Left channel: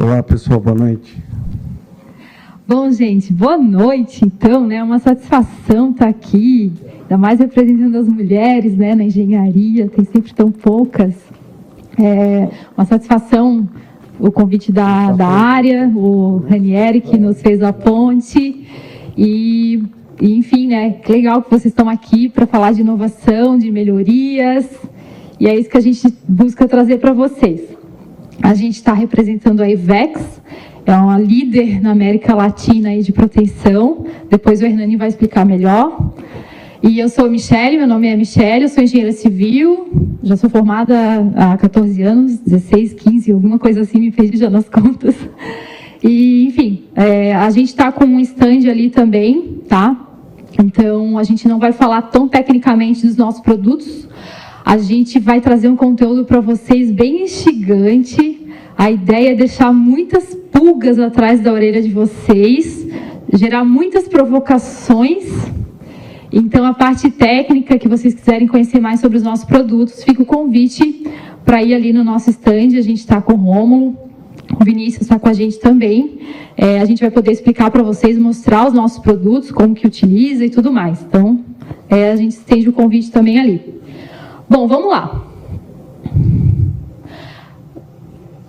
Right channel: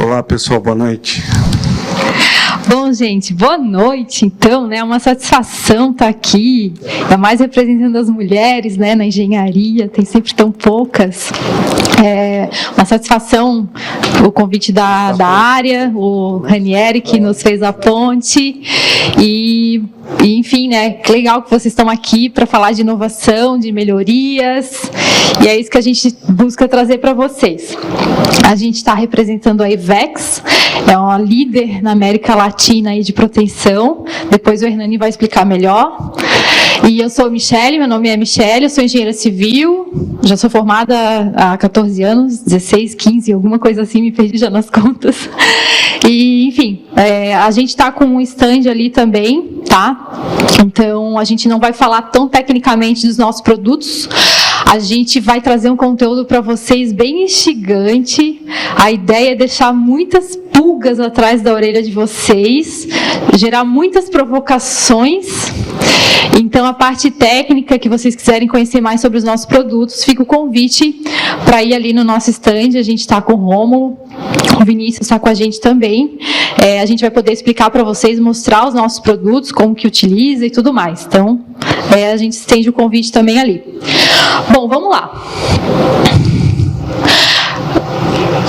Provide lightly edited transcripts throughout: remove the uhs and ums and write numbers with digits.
Olá, pessoal, boa noite. Bom, gente, boa noite. Então, né, uma satisfação estar aqui, ainda mais representando as mulheres, né, na engenharia, tem sempre tão poucas. Uma satisfação o convite da área, o Ranieri que nos fez a ponte e enfim, né, que legal que vocês estão aqui para falar de inovação, de melhorias, e é isso que a gente busca trazer para vocês. A gente está representando a Ivex, é uma líder na América Latina aí de proteção, depois o Hernani vai explicar melhor. E eu sou Michele, meu nome é Michele, eu sou engenheira civil, já sou formada há 14 anos, 16, 15, alguma coisa assim, me perdi já nas contas. E, enfim, a gente está com um stand ali também, tá? Então, a gente não vai falar tão tecnicamente dos nossos produtos, a gente vai trazer um conteúdo para vocês bem instigante. A ideia é deixar muitas pulgas atrás da orelha de vocês, gerar muitas provocações. Então, a parte técnica, que vocês quiserem conhecer mais sobre os nossos produtos, fica o convite para ir ali no nosso stand. A gente está com o Rômulo, o Vinícius está com a gente também. A gente vai poder explicar para vocês, mostrar os nossos produtos, como que utiliza e tudo mais. Então, a gente estende o convite também ali. Bom, vamos lá.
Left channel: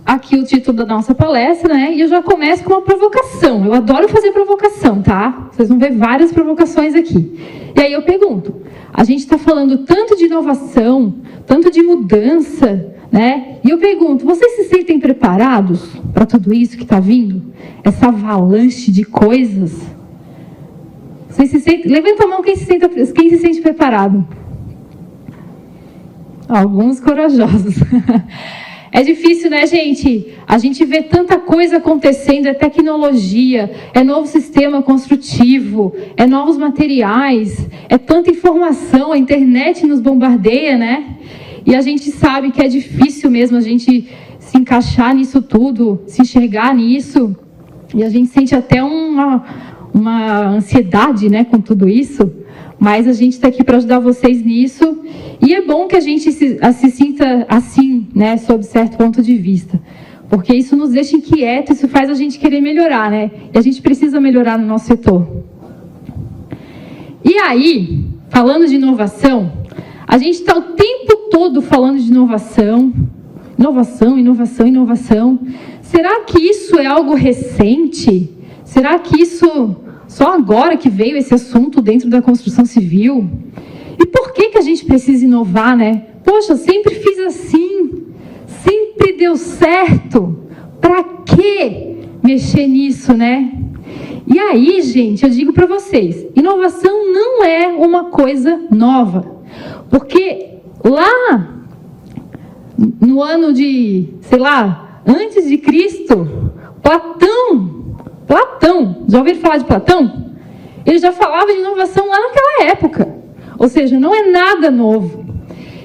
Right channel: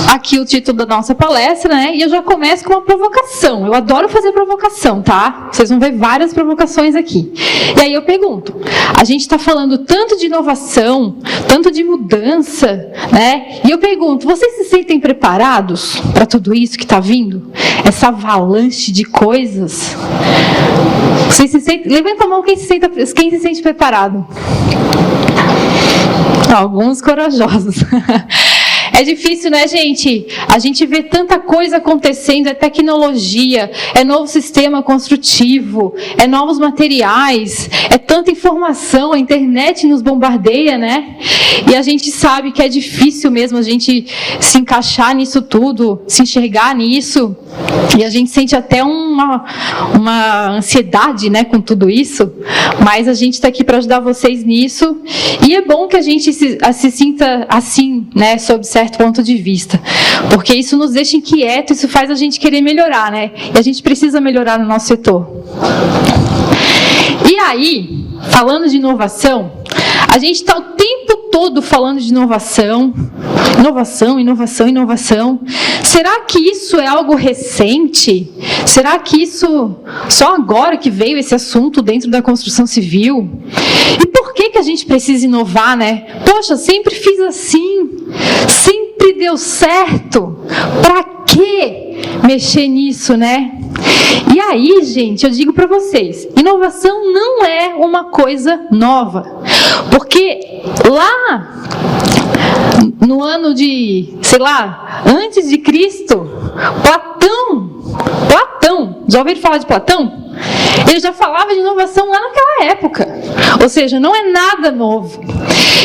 Aqui o título da nossa palestra, né? E eu já começo com uma provocação. Eu adoro fazer provocação, tá? Vocês vão ver várias provocações aqui. E aí eu pergunto, a gente está falando tanto de inovação, tanto de mudança, né? E eu pergunto, vocês se sentem preparados para tudo isso que está vindo? Essa avalanche de coisas? Vocês se sentem... Levanta a mão quem se sente preparado. Alguns corajosos. É difícil, né, gente? A gente vê tanta coisa acontecendo, é tecnologia, é novo sistema construtivo, é novos materiais, é tanta informação, a internet nos bombardeia, né? E a gente sabe que é difícil mesmo a gente se encaixar nisso tudo, se enxergar nisso. E a gente sente até uma ansiedade, né, com tudo isso, mas a gente está aqui para ajudar vocês nisso, e é bom que a gente se sinta assim, né, sob certo ponto de vista, porque isso nos deixa inquietos, isso faz a gente querer melhorar, né, e a gente precisa melhorar no nosso setor. E aí, falando de inovação, a gente está o tempo todo falando de inovação, inovação, inovação, inovação. Será que isso é algo recente? Será que isso, só agora que veio esse assunto dentro da construção civil? E por que a gente precisa inovar, né? Poxa, sempre fiz assim, sempre deu certo. Para que mexer nisso, né? E aí, gente, eu digo para vocês, inovação não é uma coisa nova, porque lá no ano de, sei lá, antes de Cristo, Platão, já ouviram falar de Platão? Ele já falava de inovação lá naquela época, ou seja, não é nada novo.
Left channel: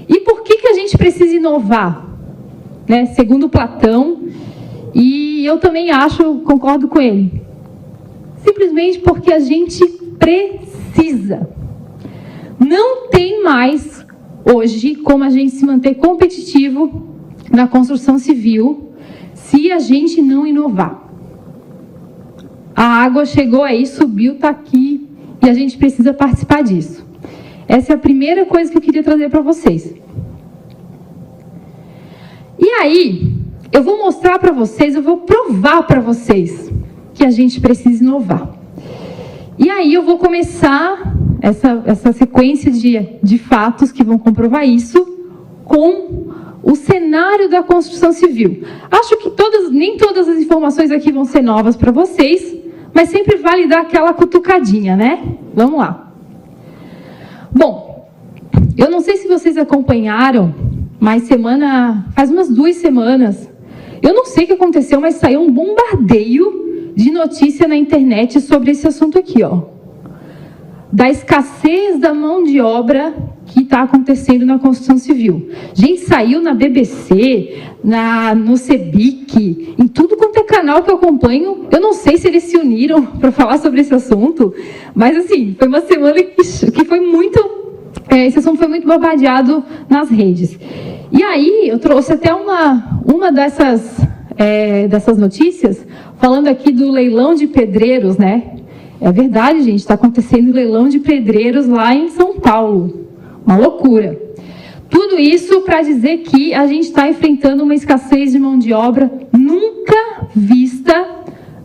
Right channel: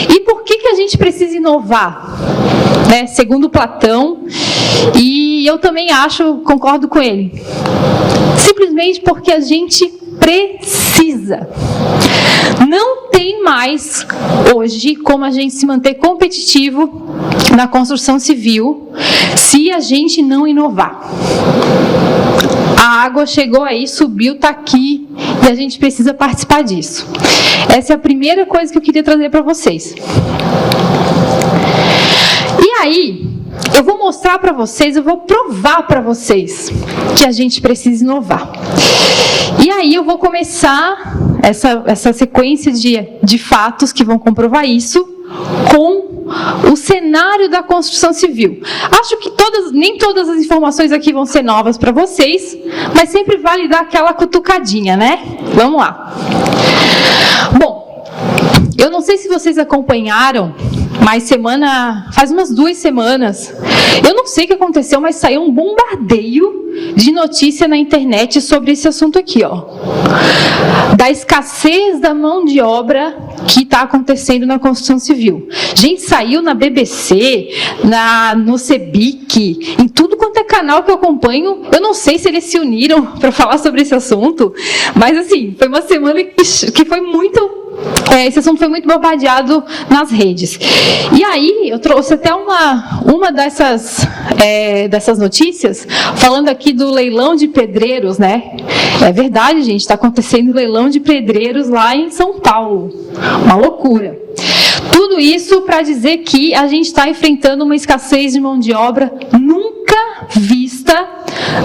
E por que a gente precisa inovar? Né? Segundo Platão, e eu também concordo com ele, simplesmente porque a gente precisa. Não tem mais, hoje, como a gente se manter competitivo na construção civil se a gente não inovar. A água chegou aí, subiu, está aqui, e a gente precisa participar disso. Essa é a primeira coisa que eu queria trazer para vocês. E aí, eu vou mostrar para vocês, eu vou provar para vocês que a gente precisa inovar. E aí eu vou começar essa sequência de fatos que vão comprovar isso com o cenário da construção civil. Acho que nem todas as informações aqui vão ser novas para vocês, mas sempre vale dar aquela cutucadinha, né? Vamos lá. Bom, eu não sei se vocês acompanharam, mas faz umas 2 semanas, eu não sei o que aconteceu, mas saiu um bombardeio de notícia na internet sobre esse assunto aqui, ó, da escassez da mão de obra que está acontecendo na construção civil. Gente, saiu na BBC, no CEBIC, em tudo quanto é canal que eu acompanho. Eu não sei se eles se uniram para falar sobre esse assunto, mas assim, foi uma semana que foi muito esse assunto foi muito bombardeado nas redes. E aí, eu trouxe até uma dessas notícias, falando aqui do leilão de pedreiros, né? É verdade, gente, está acontecendo leilão de pedreiros lá em São Paulo. Uma loucura. Tudo isso para dizer que a gente está enfrentando uma escassez de mão de obra nunca vista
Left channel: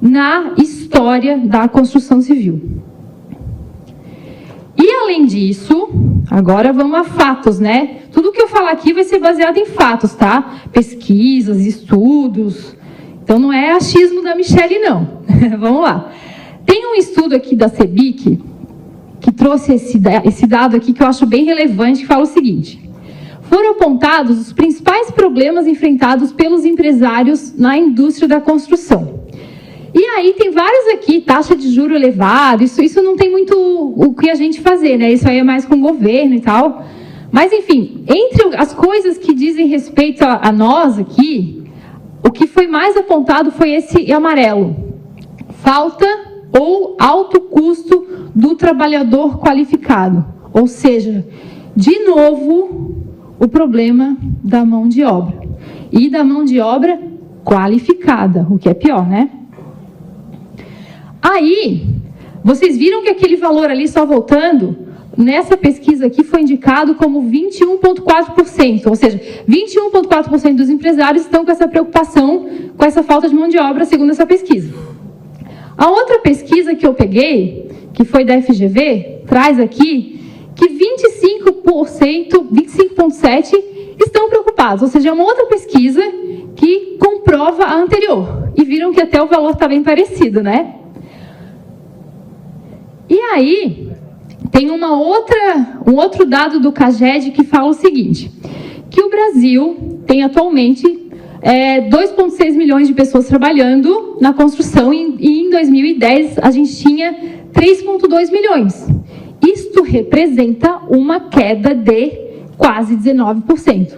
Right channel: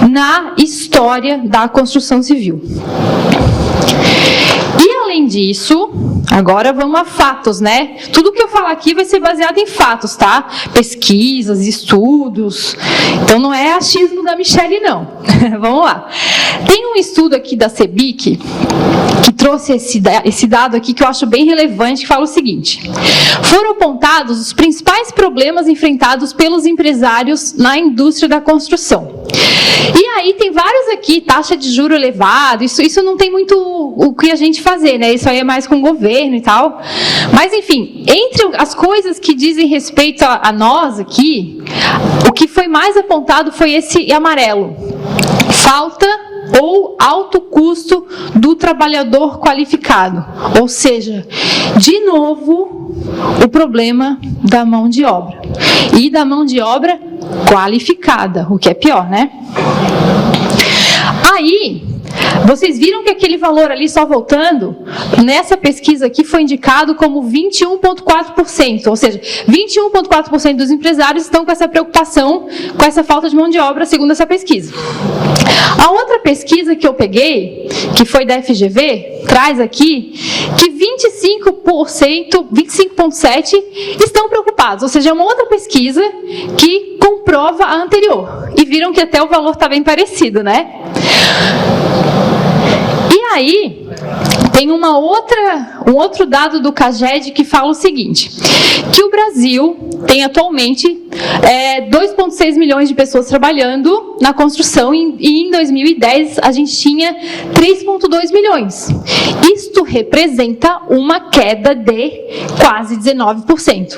na história da construção civil. E além disso, agora vamos a fatos, né? Tudo que eu falar aqui vai ser baseado em fatos, tá? Pesquisas, estudos. Então não é achismo da Michele, não. Vamos lá. Tem um estudo aqui da CEBIC que trouxe esse dado aqui que eu acho bem relevante, que fala o seguinte: foram apontados os principais problemas enfrentados pelos empresários na indústria da construção. E aí tem vários aqui, taxa de juro elevado, isso não tem muito o que a gente fazer, né? Isso aí é mais com o governo e tal. Mas, enfim, entre as coisas que dizem respeito a nós aqui, o que foi mais apontado foi esse amarelo. Falta ou alto custo do trabalhador qualificado. Ou seja, de novo, o problema da mão de obra. E da mão de obra qualificada, o que é pior, né? Aí, vocês viram que aquele valor ali, só voltando, nessa pesquisa aqui foi indicado como 21,4%, ou seja, 21,4% dos empresários estão com essa preocupação, com essa falta de mão de obra, segundo essa pesquisa. A outra pesquisa que eu peguei, que foi da FGV, traz aqui que 25,7% estão preocupados, ou seja, é uma outra pesquisa que comprova a anterior. E viram que até o valor está bem parecido, né? E aí, tem um outro dado do CAGED que fala o seguinte, que o Brasil tem atualmente 2,6 milhões de pessoas trabalhando na construção e em 2010 a gente tinha 3,2 milhões. Isto representa uma queda de quase 19%.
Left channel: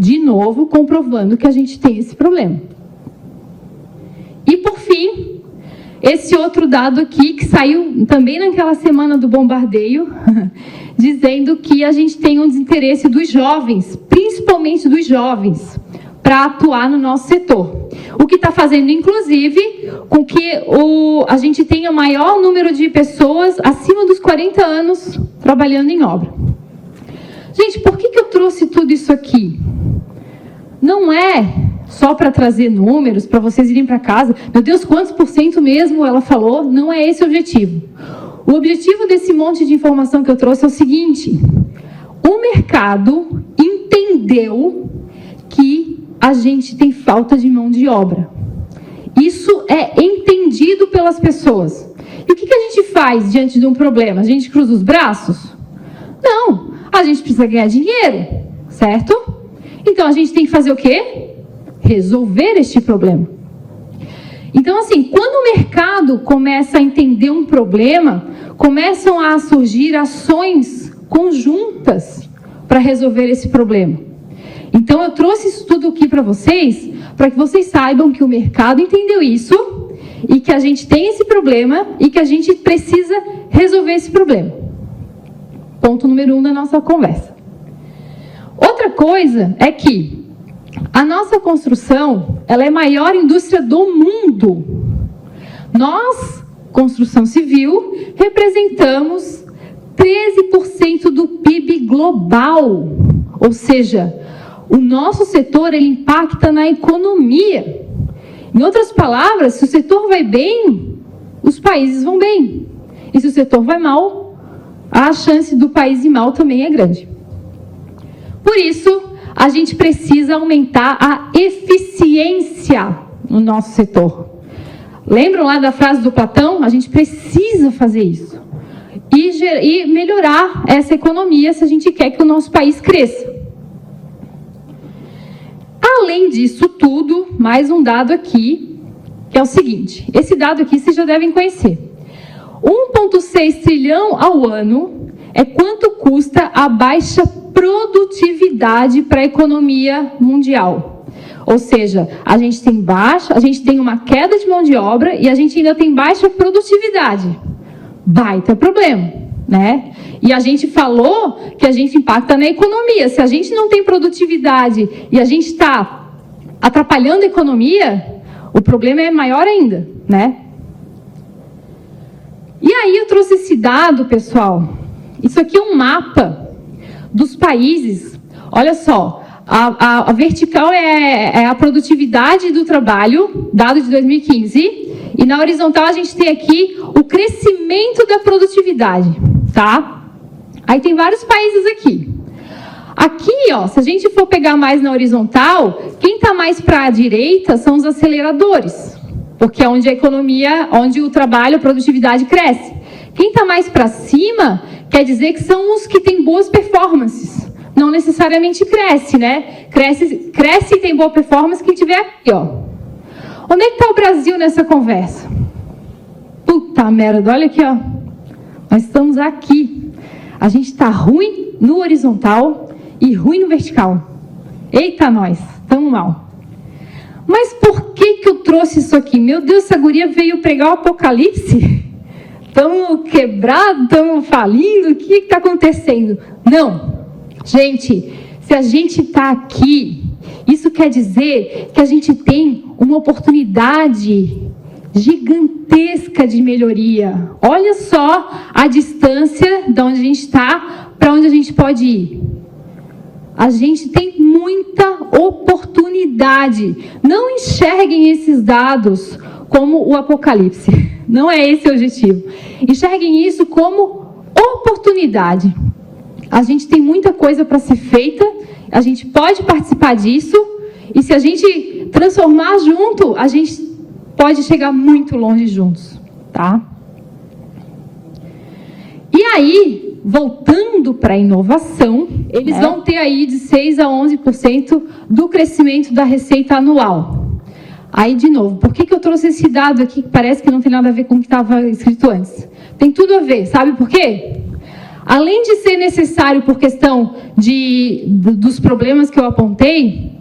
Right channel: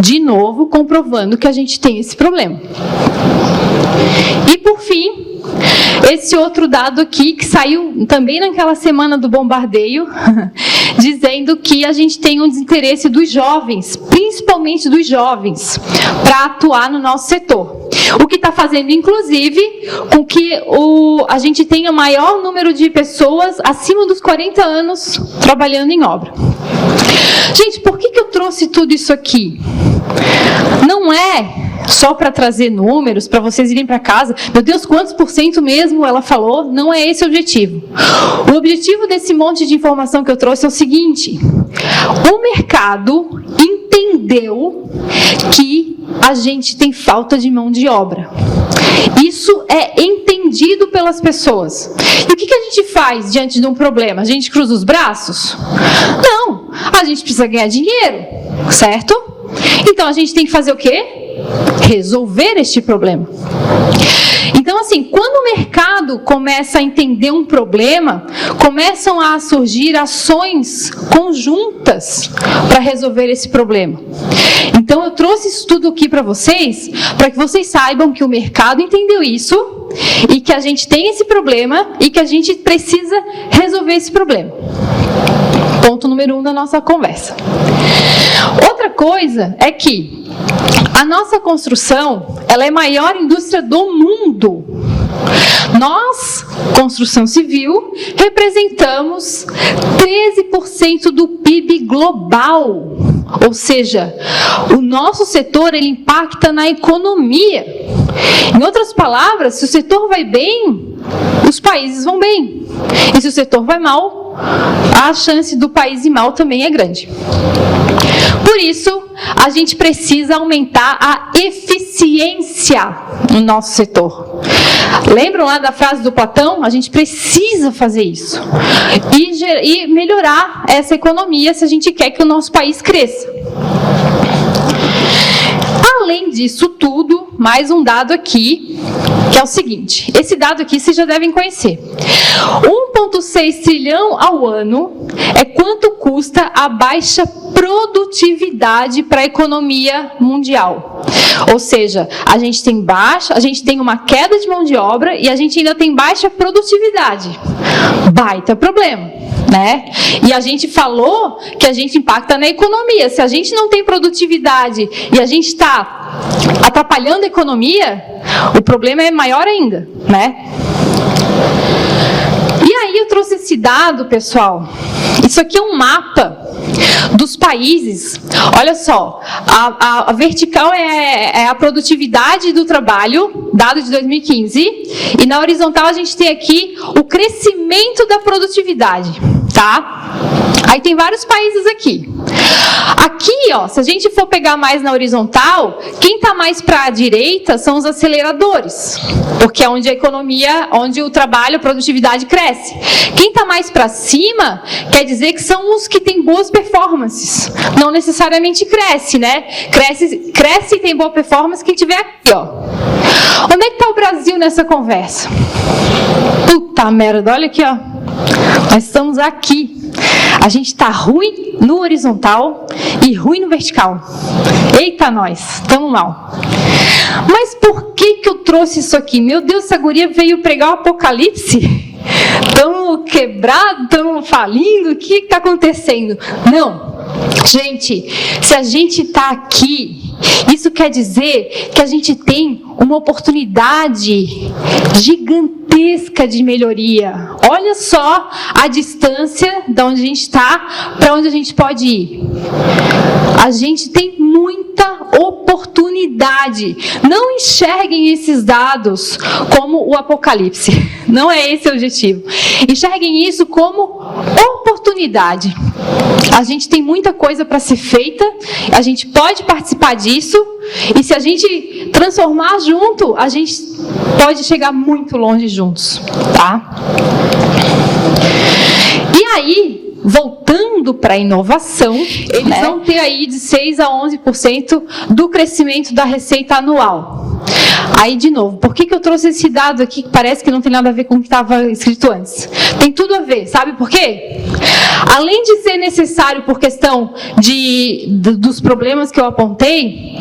De novo, comprovando que a gente tem esse problema. E por fim, esse outro dado aqui, que saiu também naquela semana do bombardeio, dizendo que a gente tem um desinteresse dos jovens, principalmente dos jovens, para atuar no nosso setor. O que está fazendo, inclusive, com que a gente tenha maior número de pessoas acima dos 40 anos trabalhando em obra. Gente, por que eu trouxe tudo isso aqui? Não é só para trazer números, para vocês irem para casa. Meu Deus, quantos por cento mesmo ela falou? Não é esse o objetivo. O objetivo desse monte de informação que eu trouxe é o seguinte: o mercado entendeu que a gente tem falta de mão de obra. Isso é entendido pelas pessoas. E o que a gente faz diante de um problema? A gente cruza os braços? Não, a gente precisa ganhar dinheiro, certo? Então a gente tem que fazer o quê? Resolver este problema. Então, assim, quando o mercado começa a entender um problema, começam a surgir ações conjuntas para resolver esse problema. Então, eu trouxe isso tudo aqui para vocês que vocês saibam que o mercado entendeu isso e que a gente tem esse problema e que a gente precisa resolver esse problema. Ponto número 1 da nossa conversa. Outra coisa é que a nossa construção, ela é a maior indústria do mundo. Nós, construção civil, representamos 13% do PIB global. Ou seja, o nosso setor, ele impacta na economia. Em outras palavras, se o setor vai bem, os países vão bem. E se o setor vai mal, a chance do país ir mal também é grande. Por isso, a gente precisa aumentar a eficiência no nosso setor. Lembram lá da frase do Platão? A gente precisa fazer isso. E melhorar essa economia se a gente quer que o nosso país cresça. Além disso tudo, mais um dado aqui, que é o seguinte. Esse dado aqui vocês já devem conhecer. 1,6 trilhão ao ano é quanto custa a baixa produtividade para a economia mundial. Ou seja, a gente tem uma queda de mão de obra e a gente ainda tem baixa produtividade. Baita problema, né? E a gente falou que a gente impacta na economia. Se a gente não tem produtividade e a gente está atrapalhando a economia, o problema é maior ainda, né? E aí eu trouxe esse dado, pessoal. Isso aqui é um mapa dos países. Olha só, a vertical é a produtividade do trabalho, dado de 2015, e na horizontal a gente tem aqui o crescimento da produtividade, tá? Aí tem vários países aqui. Aqui, ó, se a gente for pegar mais na horizontal, quem está mais para a direita são os aceleradores, porque é onde a economia, onde o trabalho, a produtividade cresce. Quem está mais para cima, quer dizer que são os que têm boas performances. Não necessariamente cresce, né? Cresce e tem boa performance quem tiver aqui, ó. Onde é que está o Brasil nessa conversa? Puta merda, olha aqui, ó. Nós estamos aqui. A gente está ruim no horizontal e ruim no vertical. Eita, nós, estamos mal. Mas por que eu trouxe isso aqui? Meu Deus, essa guria veio pregar o apocalipse? Estamos quebrados, estamos falindo, o que está acontecendo? Não, gente, se a gente está aqui, isso quer dizer que a gente tem uma oportunidade gigantesca de melhoria. Olha só a distância de onde a gente está para onde a gente pode ir. A gente tem muita oportunidade. Não enxerguem esses dados como o apocalipse. Não é esse o objetivo. Enxerguem isso como oportunidade. A gente tem muita coisa para ser feita, a gente pode participar disso, e se a gente transformar junto, a gente pode chegar muito longe juntos, tá? E aí, voltando para a inovação, eles vão ter aí de 6 a 11% do crescimento da receita anual. Aí, de novo, por que eu trouxe esse dado aqui que parece que não tem nada a ver com o que estava escrito antes? Tem tudo a ver, sabe por quê? Além de ser necessário por questão dos problemas que eu apontei,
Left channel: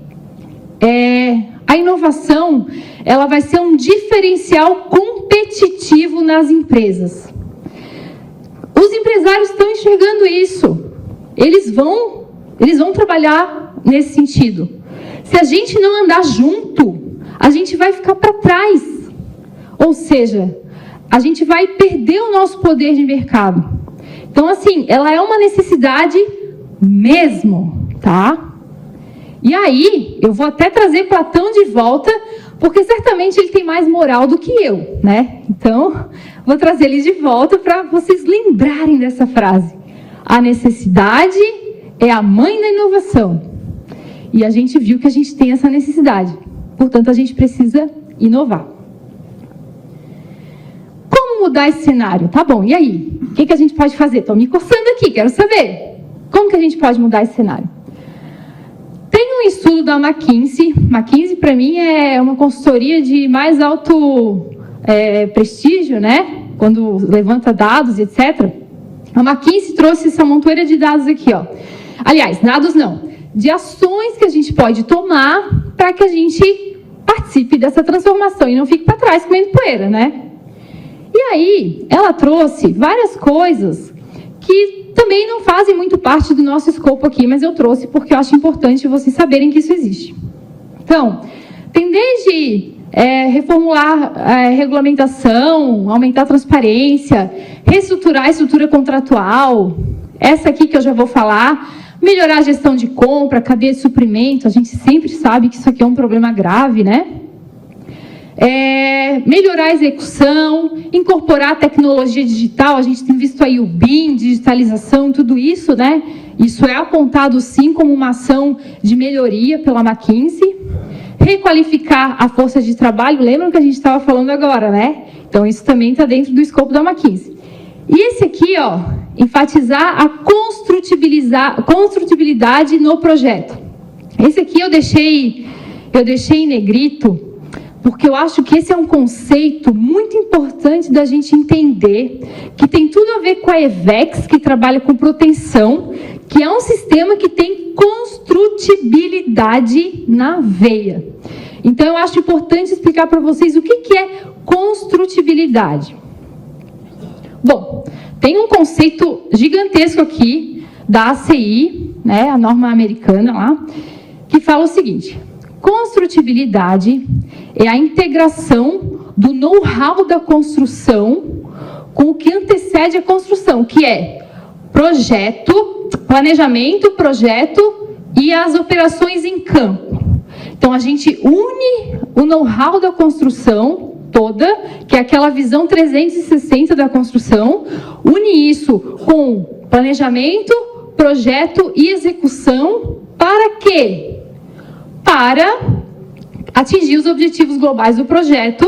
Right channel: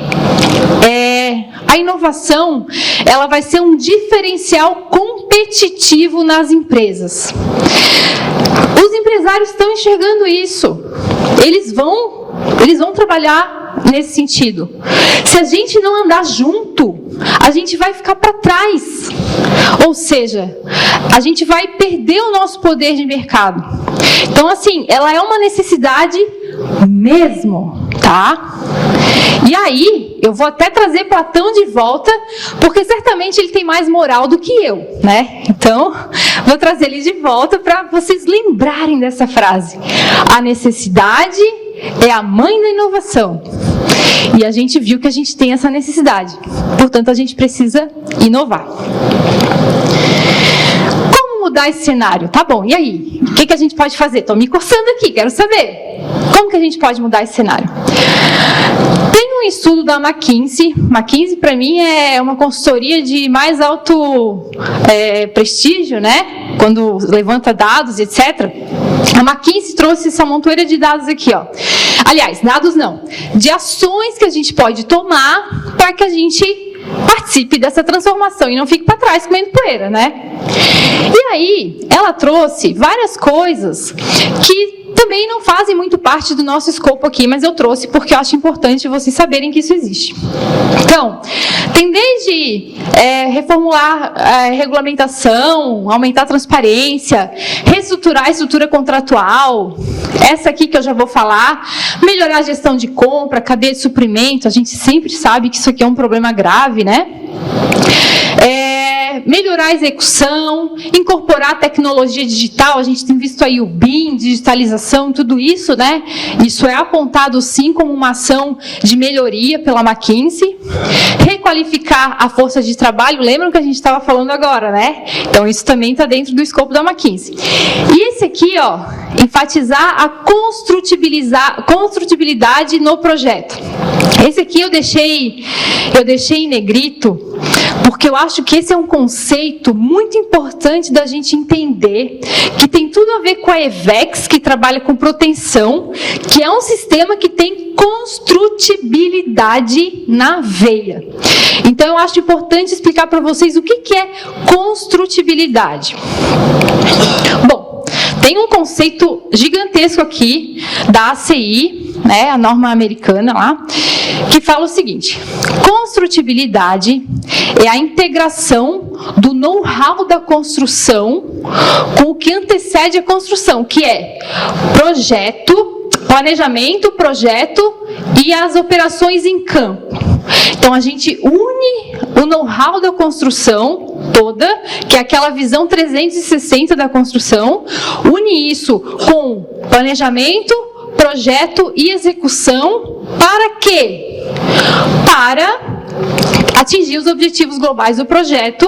a inovação, ela vai ser um diferencial competitivo nas empresas. Os empresários estão enxergando isso. Eles vão trabalhar nesse sentido. Se a gente não andar junto, a gente vai ficar para trás. Ou seja, a gente vai perder o nosso poder de mercado. Então, assim, ela é uma necessidade mesmo, tá? E aí, eu vou até trazer Platão de volta, porque certamente ele tem mais moral do que eu, né? Então, vou trazer ele de volta para vocês lembrarem dessa frase. A necessidade é a mãe da inovação. E a gente viu que a gente tem essa necessidade. Portanto, a gente precisa inovar. Como mudar esse cenário? Tá bom, e aí? O que a gente pode fazer? Estou me coçando aqui, quero saber. Como que a gente pode mudar esse cenário? Tem um estudo da McKinsey. McKinsey, para mim, é uma consultoria de mais alto prestígio, né? Quando levanta dados, etc. A McKinsey trouxe essa montoeira de dados aqui, ó. Aliás, dados não, de ações que a gente pode tomar para que a gente participe dessa transformação e não fique para trás comendo poeira, né? E aí, ela trouxe várias coisas que também não fazem muito parte do nosso escopo aqui, mas eu trouxe porque eu acho importante vocês saberem que isso existe. Então, tem desde reformular regulamentação, aumentar a transparência, reestruturar a estrutura contratual, essa aqui que eu já vou falar, melhorar a gestão de compra, cadeia de suprimento, a gente sempre sabe que isso aqui é um problema grave, né? Melhorar a execução, incorporar tecnologia digital, a gente tem visto aí o BIM, digitalização, tudo isso, né? Isso é apontado sim como uma ação de melhoria pela McKinsey. Requalificar a força de trabalho, lembram que a gente estava falando agora, né? Então isso também está dentro do escopo da McKinsey. E esse aqui, ó, enfatizar a construtibilidade no projeto. Esse aqui eu deixei em negrito, porque eu acho que esse é um conceito muito importante da gente entender, que tem tudo a ver com a EVEX, que trabalha com proteção, que é um sistema que tem construtibilidade na veia. Então, eu acho importante explicar para vocês o que é construtibilidade. Bom, tem um conceito gigantesco aqui da ACI, né, a norma americana lá, que fala o seguinte: construtibilidade é a integração do know-how da construção com o que antecede a construção, que é projeto, planejamento, projeto e as operações em campo. Então, a gente une o know-how da construção toda, que é aquela visão 360 da construção, une isso com planejamento, projeto e execução. Para quê? Para atingir os objetivos globais do projeto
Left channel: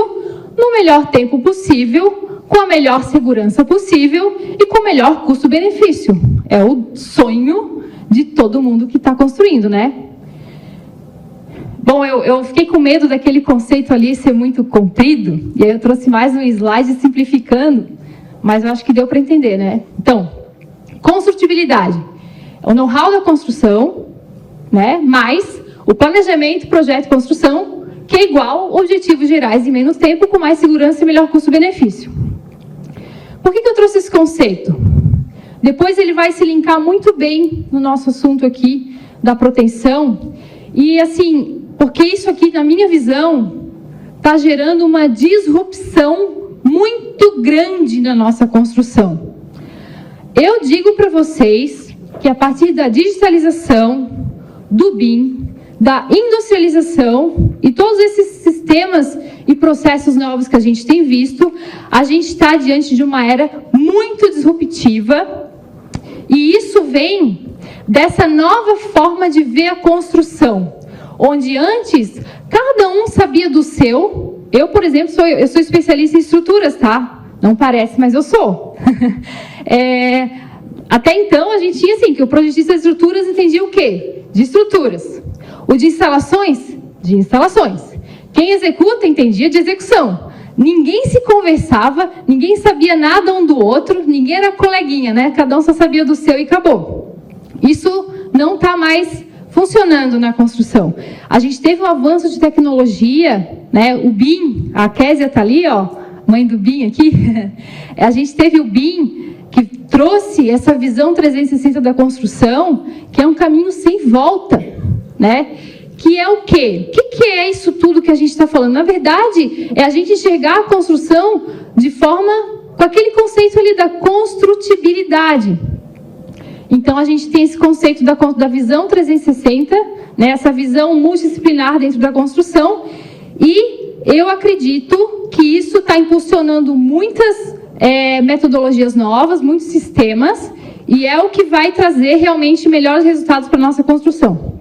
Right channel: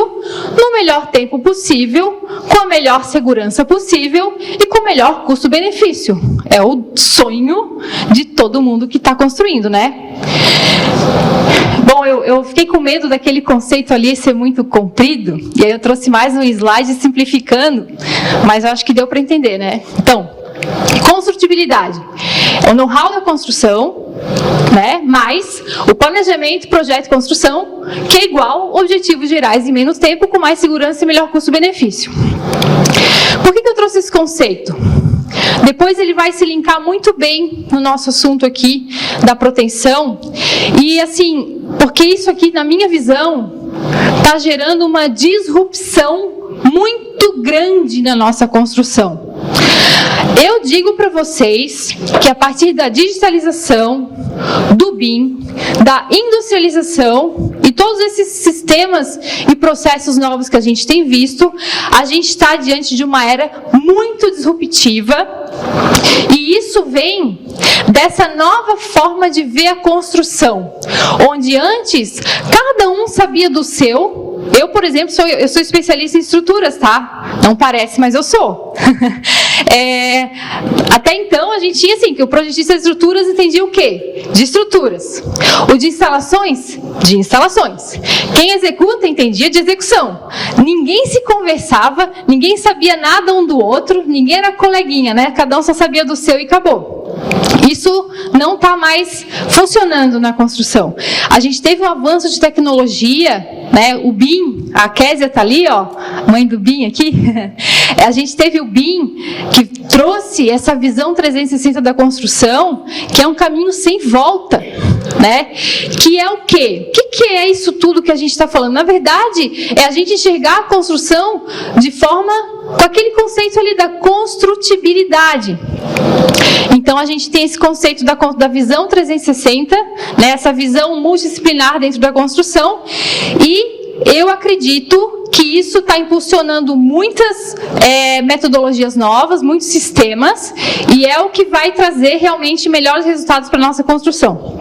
no melhor tempo possível, com a melhor segurança possível e com o melhor custo-benefício. É o sonho de todo mundo que está construindo, né? Bom, eu fiquei com medo daquele conceito ali ser muito comprido, e aí eu trouxe mais um slide simplificando, mas eu acho que deu para entender, né? Então, construtibilidade é o know-how da construção, né? Mais o planejamento, projeto e construção, que é igual objetivos gerais em menos tempo, com mais segurança e melhor custo-benefício. Por que eu trouxe esse conceito? Depois ele vai se linkar muito bem no nosso assunto aqui da proteção. E assim, porque isso aqui, na minha visão, está gerando uma disrupção muito grande na nossa construção. Eu digo para vocês que a partir da digitalização, do BIM, da industrialização e todos esses sistemas e processos novos que a gente tem visto, a gente está diante de uma era muito disruptiva. E isso vem dessa nova forma de ver a construção, onde antes cada um sabia do seu. Eu, por exemplo, eu sou especialista em estruturas, tá? Não parece, mas eu sou. Até então, a gente tinha assim, que o projetista de estruturas entendia o quê? De estruturas. O de instalações? De instalações. Quem executa entendia de execução. Ninguém se conversava, ninguém sabia nada um do outro, ninguém era coleguinha, né? Cada um só sabia do seu e acabou. Isso não está mais funcionando na construção. A gente teve um avanço de tecnologia, né? O BIM, a Késia está ali, ó, mãe do BIM aqui. A gente teve o BIM que trouxe essa visão 360 da construção, que é um caminho sem volta, né? Que é o quê? O que é isso tudo que a gente está falando? Na verdade, é a gente enxergar a construção de forma, com aquele conceito ali da construtibilidade. Então, a gente tem esse conceito da visão 360, né, essa visão multidisciplinar dentro da construção, e eu acredito que isso está impulsionando muitas metodologias novas, muitos sistemas, e é o que vai trazer realmente melhores resultados para a nossa construção.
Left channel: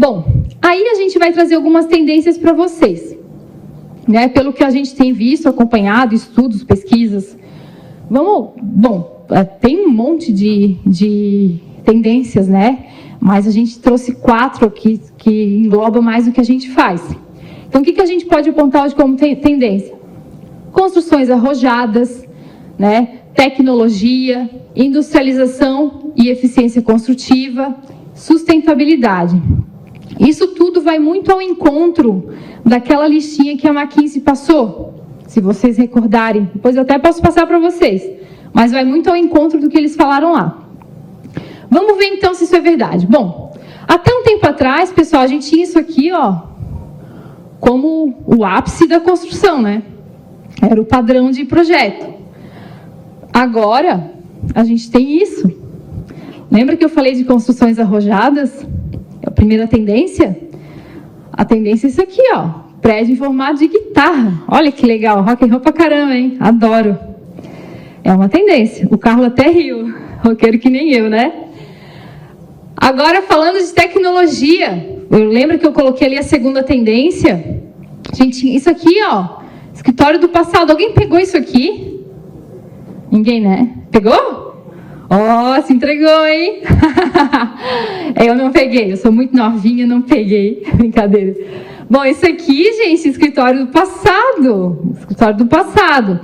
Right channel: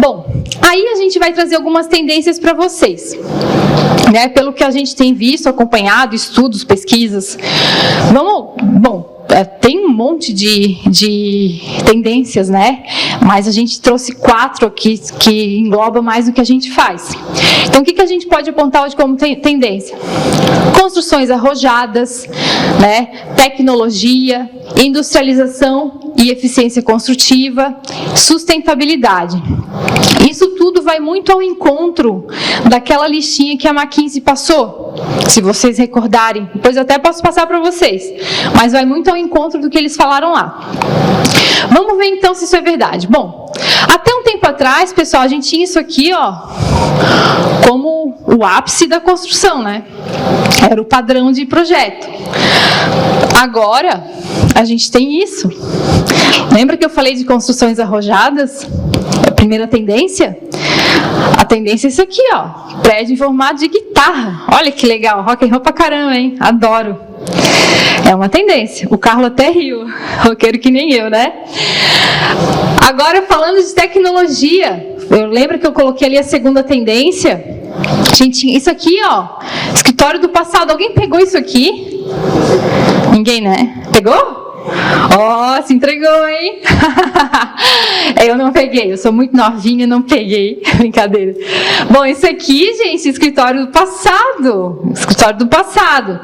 Bom, aí a gente vai trazer algumas tendências para vocês. Né, pelo que a gente tem visto, acompanhado, estudos, pesquisas. Tem um monte de tendências, né? Mas a gente trouxe 4 aqui que engloba mais do que a gente faz. Então, o que a gente pode apontar hoje como tendência? Construções arrojadas, né? Tecnologia, industrialização e eficiência construtiva, sustentabilidade. Isso tudo vai muito ao encontro daquela listinha que a McKinsey passou, se vocês recordarem. Depois eu até posso passar para vocês, mas vai muito ao encontro do que eles falaram lá. Vamos ver então se isso é verdade. Bom, até um tempo atrás, pessoal, a gente tinha isso aqui, ó, como o ápice da construção, né? Era o padrão de projeto. Agora, a gente tem isso. Lembra que eu falei de construções arrojadas? A primeira tendência? A tendência é isso aqui, ó. Prédio em formato de guitarra. Olha que legal, rock and roll pra caramba, hein? Adoro. É uma tendência. O Carlos até riu. Roqueiro que nem eu, né? Agora, falando de tecnologia. Eu lembro que eu coloquei ali a segunda tendência. Gente, isso aqui, ó. Escritório do passado. Alguém pegou isso aqui? Ninguém, né? Pegou? Ó, se entregou, hein? Eu não peguei, eu sou muito novinha, não peguei. Brincadeira. Bom, isso aqui, gente, escritório do passado. Escritório do passado.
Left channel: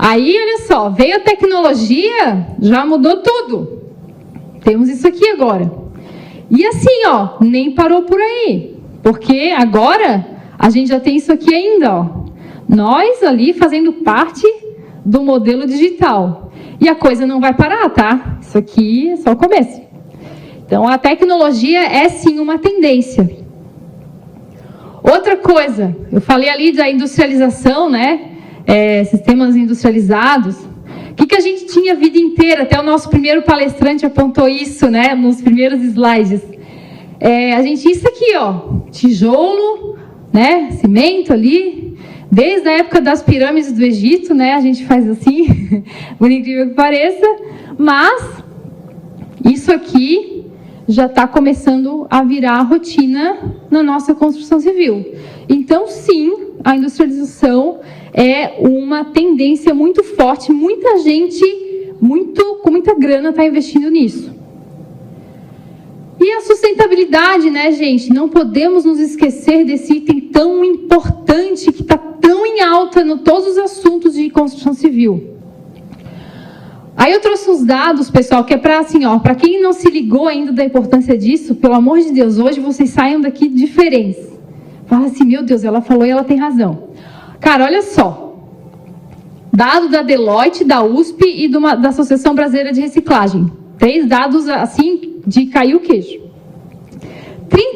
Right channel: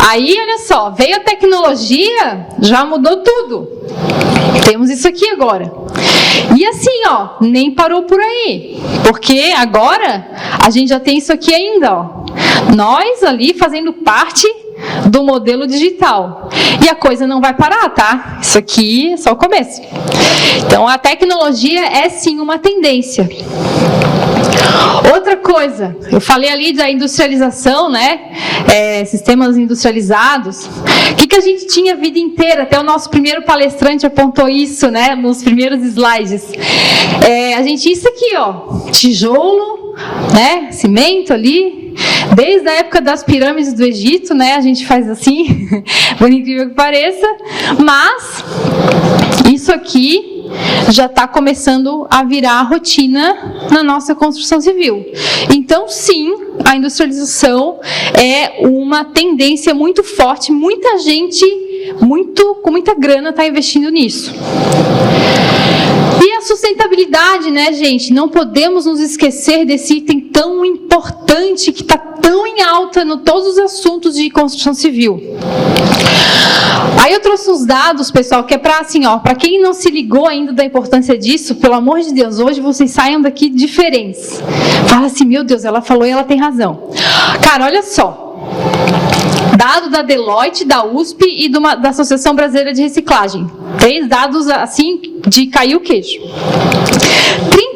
Aí, olha só, veio a tecnologia, já mudou tudo. Temos isso aqui agora. E assim, ó, nem parou por aí. Porque agora a gente já tem isso aqui ainda, ó. Nós ali fazendo parte do modelo digital. E a coisa não vai parar, tá? Isso aqui é só o começo. Então, a tecnologia é sim uma tendência. Outra coisa, eu falei ali da industrialização, né? Sistemas industrializados. O que a gente tinha a vida inteira? Até o nosso primeiro palestrante apontou isso, né? Nos primeiros slides. A gente tinha isso aqui, ó, tijolo, né? Cimento ali. Desde a época das pirâmides do Egito, né? A gente faz assim, por incrível que pareça. Mas isso aqui já está começando a virar rotina na nossa construção civil. Então, sim, a industrialização é uma tendência muito forte. Muita gente, com muita grana, está investindo nisso. E a sustentabilidade, né, gente? Não podemos nos esquecer desse item tão importante que está tão em alta em todos os assuntos de construção civil. Aí eu trouxe uns dados, pessoal, que é para assim, ó, para quem não se ligou ainda da importância disso, pelo amor de Deus, hoje vocês saiam daqui diferentes. Fala assim, meu Deus, ela falou e ela tem razão. Cara, olha só. Dado da Deloitte, da USP e da Associação Brasileira de Reciclagem. 3 dados assim de cair o queijo.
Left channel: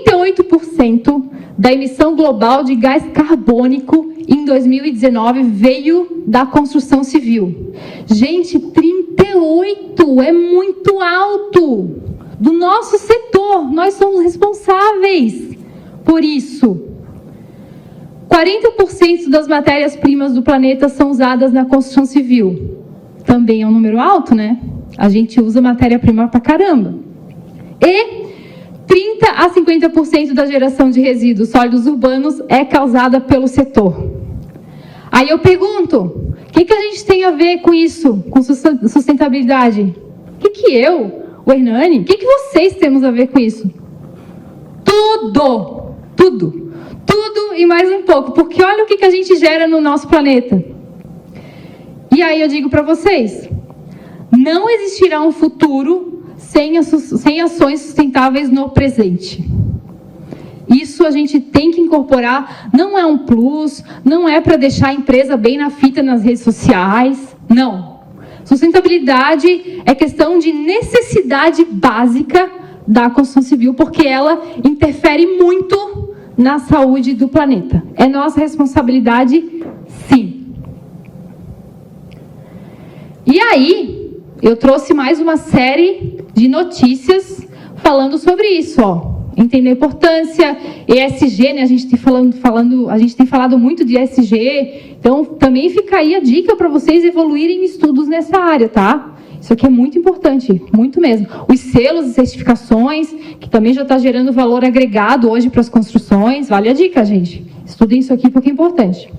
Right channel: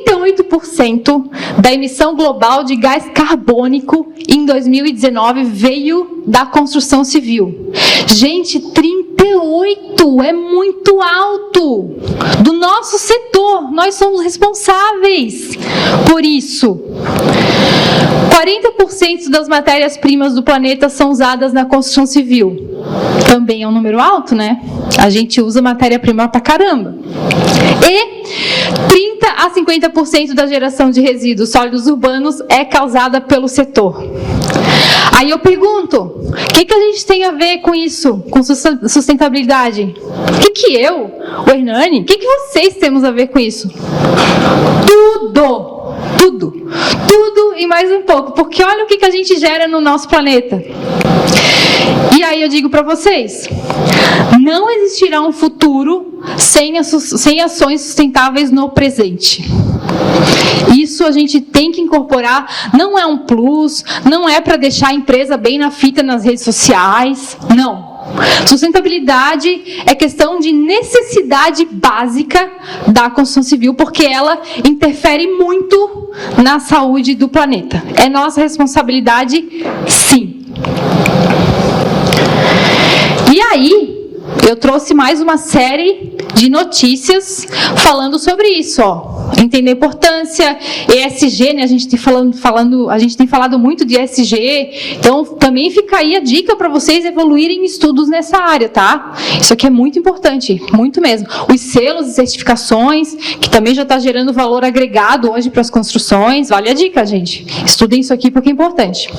38% da emissão global de gás carbônico em 2019 veio da construção civil. Gente, 38 é muito alto. Do nosso setor, nós somos responsáveis por isso. 40% das matérias-primas do planeta são usadas na construção civil. Também é um número alto, né? A gente usa matéria-prima pra caramba. E 30 a 50% da geração de resíduos sólidos urbanos é causada pelo setor. Aí eu pergunto, o que a gente tem a ver com isso, com sustentabilidade? O que eu, o Hernani, o que vocês temos a ver com isso? Tudo e mais um pouco, porque olha o que a gente gera no nosso planeta. E aí eu digo para vocês, não existirá um futuro sem ações sustentáveis no presente. Isso a gente tem que incorporar, não é um plus, não é para deixar a empresa bem na fita nas redes sociais, não. Sustentabilidade é questão de necessidade básica da construção civil, porque ela interfere muito na saúde do planeta. É nossa responsabilidade, sim. E aí, eu trouxe mais uma série de notícias falando sobre isso, ó. Entender a importância, ESG, né? A gente tem falado muito de ESG, então também fica aí a dica para vocês evoluírem estudos nessa área, tá? Isso aqui é muito importante, muito mesmo. Os selos e certificações, que também já está gerando valor agregado hoje para as construções, vale a dica, gente. Estudem isso aqui porque é importante.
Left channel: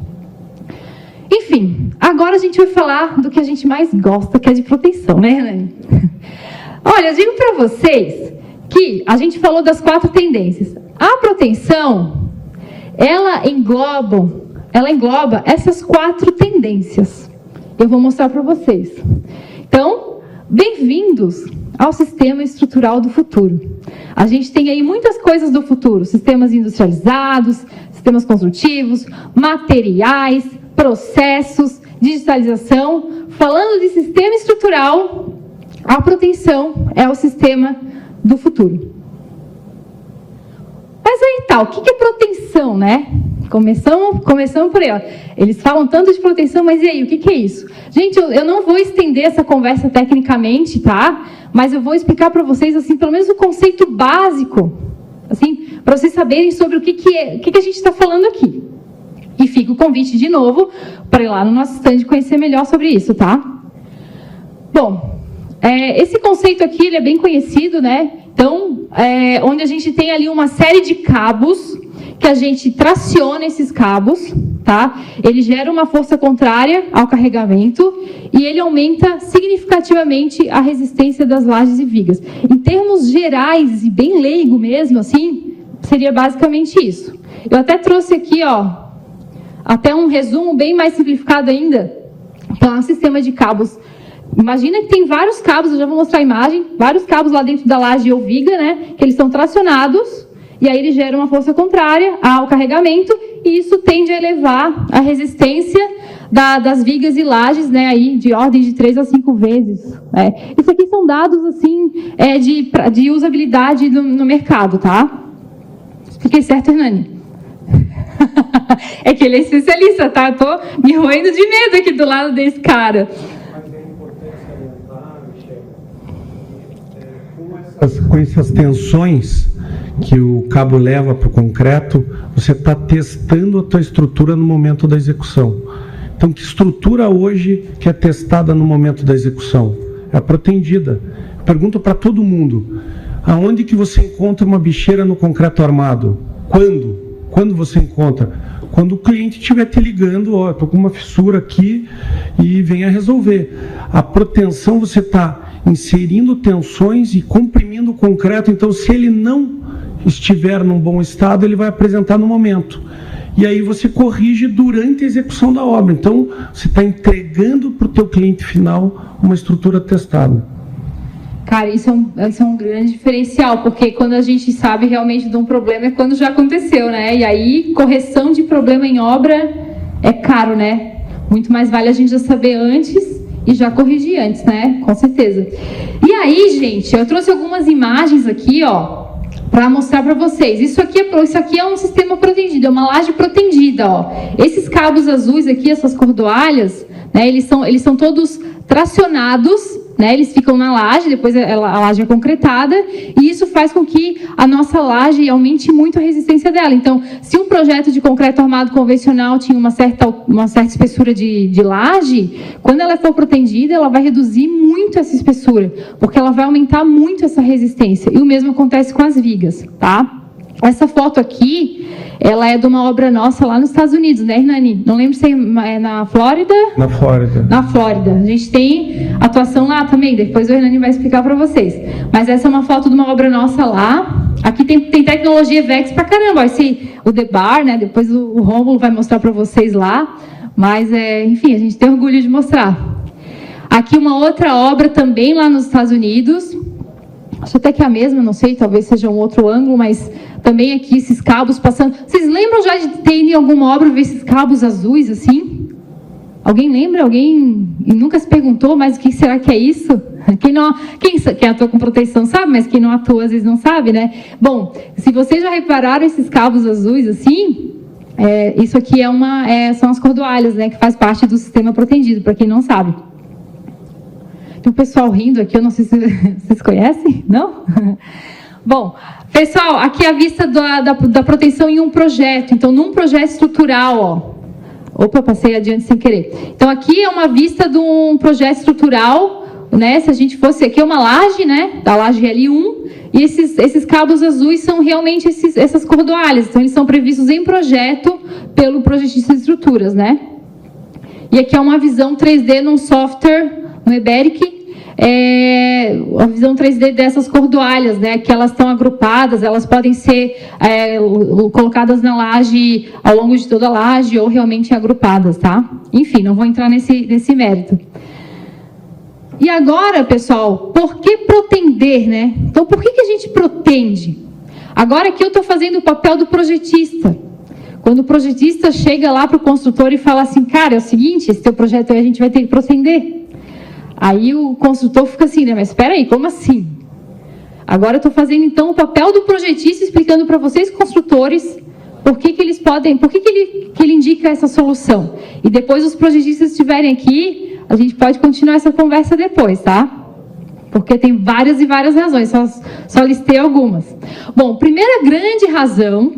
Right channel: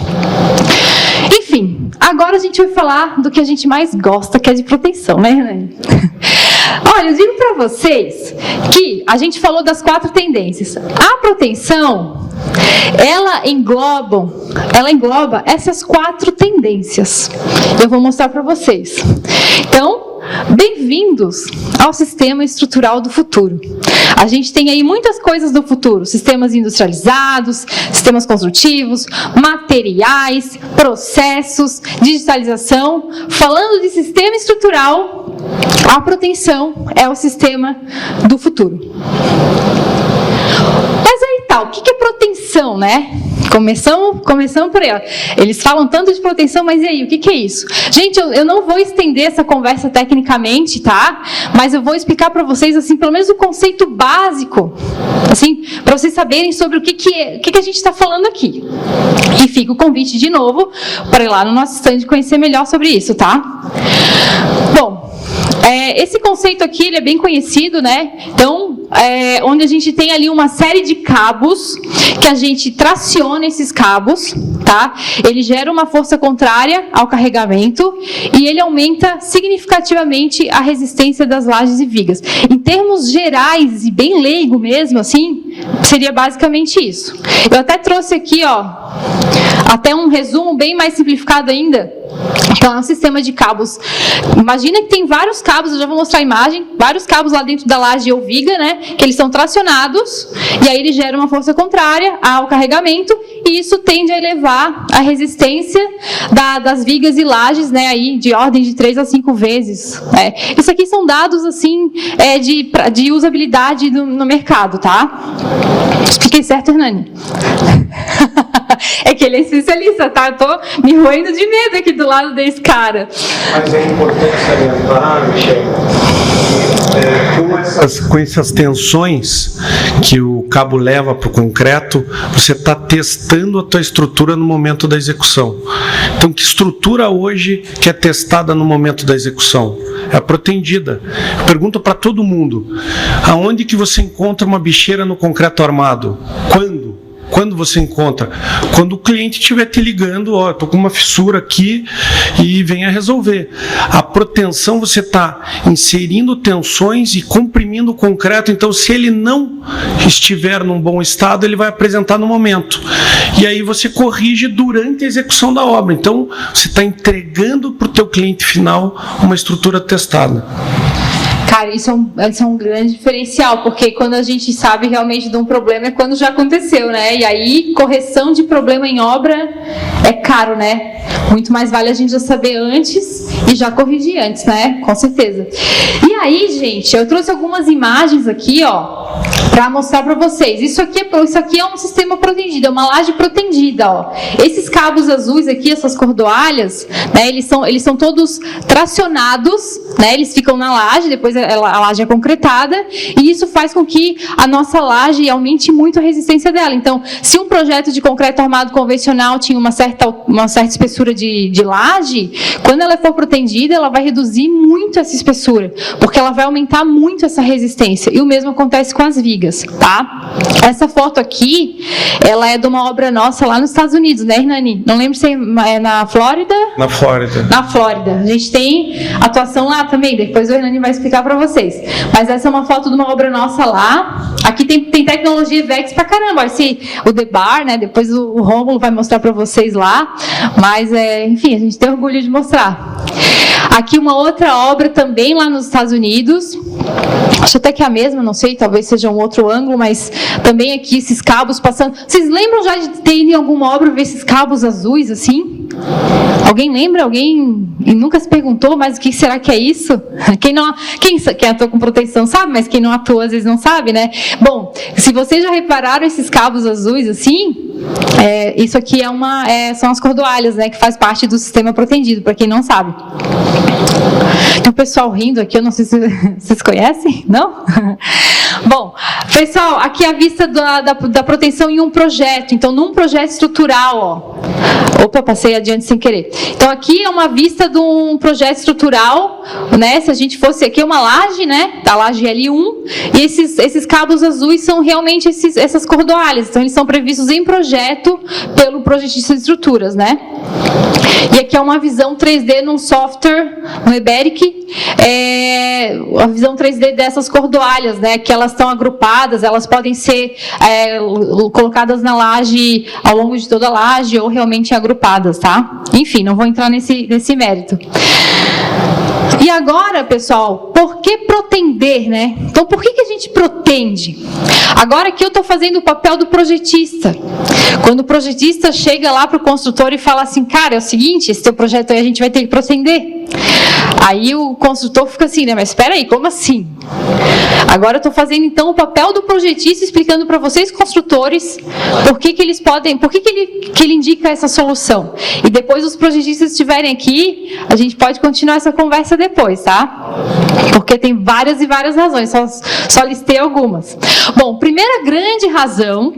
Enfim, agora a gente vai falar do que a gente mais gosta, que é de proteção, né, Hernani? Olha, eu digo para vocês que a gente falou das 4 tendências. A proteção, ela engloba essas 4 tendências. Eu vou mostrar para vocês. Então, bem-vindos ao sistema estrutural do futuro. A gente tem aí muitas coisas do futuro, sistemas industrializados, sistemas construtivos, materiais, processos, digitalização. Falando de sistema estrutural, a proteção é o sistema do futuro. Mas aí tá, o que é proteção, né? Começamos por ela. Eles falam tanto de proteção, mas e aí, o que é isso? Gente, eu não vou estender essa conversa tecnicamente, tá? Mas eu vou explicar para vocês, assim, pelo menos o conceito básico, assim, para vocês saberem sobre o que a gente está falando aqui. E fica o convite de novo para ir lá no nosso stand conhecer melhor sobre isso, tá? Bom, esse conceito aqui ele é bem conhecido, né? Então, onde a gente tem ali uma série de cabos, que a gente traciona esses cabos, tá? Ele gera uma força contrária ao carregamento e ele aumenta significativamente a resistência das lajes e vigas. Em termos gerais e bem leigo mesmo, assim, seria basicamente isso. Eu até trouxe aqui, ó, até um resumo bem mais simplificado ainda, Então, é um sistema de cabos. Imagina que tem vários cabos, eu já vou mostrar a imagem, vários cabos lá dentro da laje ou viga, né? Que eles são tracionados, e aí ele gera uma força contrária ao carregamento, e isso tende a elevar a resistência das vigas e lajes, né? Aí, de ordem de 3 a 5 vezes. Isso aqui são dados, assim, de usabilidade no mercado, tá? Expliquei certo, Hernani? É que ele é especialista, tá? Eu tô me roendo de medo aqui do lado desse cara. Mas é importante salientar, Michel, com essas tensões que o cabo leva para o concreto, você está testando a tua estrutura no momento da execução. Então, que estrutura hoje que é testada no momento da execução? É a protendida. Eu pergunto para todo mundo, aonde que você encontra uma bicheira no concreto armado? Quando você encontra? Quando o cliente estiver te ligando, ó, estou com uma fissura aqui e venha resolver. A proteção, você está inserindo tensões e comprimindo o concreto, então se ele não estiver num bom estado, ele vai apresentar no momento. E aí você corrige durante a execução da obra. Então, você está entregando para o teu cliente final uma estrutura testada. Cara, isso é um grande diferencial, porque quando a gente sabe realmente de um problema é quando já aconteceu, né? E aí, correção de problema em obra é caro, né? Muito mais vale a gente já saber antes e já corrigir antes, né? Com certeza. E aí, gente, eu trouxe algumas imagens aqui, ó, para mostrar para vocês. Isso aqui é um sistema protendido, é uma laje protendida, ó. Esses cabos azuis aqui, essas cordoalhas, né, eles são todos tracionados, né? Eles ficam na laje, depois a laje é concretada, e isso faz com que a nossa laje aumente muito a resistência dela. Então, se um projeto de concreto armado convencional tinha uma certa espessura de laje, quando ela for protendida, ela vai reduzir muito essa espessura, porque ela vai aumentar muito essa resistência. E o mesmo acontece com as vigas, tá? Essa foto aqui, ela é de uma obra nossa lá nos Estados Unidos, né, Hernani? Não lembro se é na Flórida? Na Flórida. Na Flórida. A gente tem atuação lá também, depois o Hernani vai explicar para vocês. Mas essa é uma foto de uma obra nossa lá. Aqui tem tecnologia VEX pra caramba. O Debar, né? Depois o Rômulo vai mostrar para vocês lá. Mas, enfim, a gente tem orgulho de mostrar. Aqui uma outra obra também lá nos Estados Unidos. Acho até que é a mesma, não sei, talvez seja um outro ângulo, mas também aqui esses cabos passando. Vocês lembram já de ter em alguma obra ver esses cabos azuis assim? Alguém lembra? Alguém e nunca se perguntou, mas o que será que é isso? Quem atua com proteção sabe, mas quem não atua às vezes não sabe, né? Bom, se vocês já repararam esses cabos azuis assim, isso aqui são as cordoalhas, né, que faz parte do sistema protendido, para quem não sabe. Tem um pessoal rindo aqui, eu não sei se vocês conhecem, não? Bom, pessoal, aqui a vista da proteção em um projeto. Então, num projeto estrutural, ó. Opa, passei adiante sem querer. Então, aqui é uma vista de um projeto estrutural, né? Se a gente fosse aqui, uma laje, né? Da laje L1. E esses cabos azuis são realmente essas cordoalhas. Então, eles são previstos em projeto pelo projetista de estruturas, né? E aqui é uma visão 3D num software, no Eberic, a visão 3D dessas cordoalhas, né, que elas estão agrupadas, elas podem ser colocadas na laje, ao longo de toda a laje, ou realmente agrupadas, tá? Enfim, não vou entrar nesse mérito. E agora, pessoal, por que protender, né? Então, por que a gente protende? Agora que eu estou fazendo o papel do projetista. Quando o projetista chega lá para o construtor e fala assim, cara, é o seguinte, esse teu projeto aí a gente vai ter que protender. Aí o construtor fica assim, né? Mas espera aí, como assim? Agora eu estou fazendo então o papel do projetista, explicando para vocês, construtores, por que ele indica essa solução. E depois os projetistas estiverem aqui, a gente pode continuar essa conversa depois, tá? Porque tem várias e várias razões, só listei algumas. Bom, primeira grande razão,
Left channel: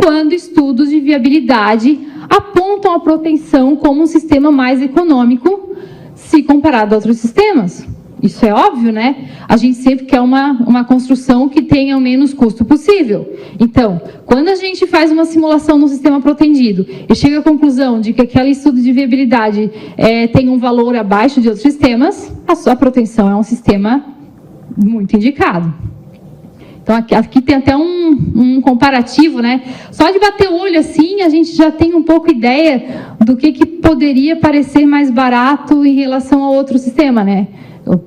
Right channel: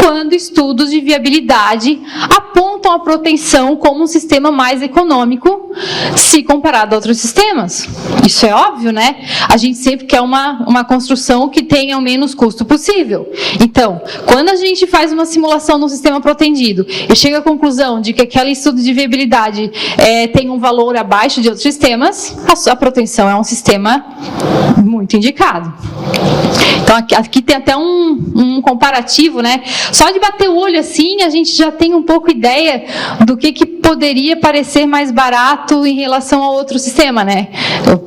quando estudos de viabilidade apontam a proteção como um sistema mais econômico se comparado a outros sistemas. Isso é óbvio, né? A gente sempre quer uma construção que tenha o menos custo possível. Então, quando a gente faz uma simulação no sistema protendido e chega à conclusão de que aquele estudo de viabilidade tem um valor abaixo de outros sistemas, a proteção Então, é um sistema muito indicado. Então, aqui tem até um comparativo, né? Só de bater o olho assim, a gente já tem um pouco ideia do que poderia parecer mais barato em relação ao outro sistema, né?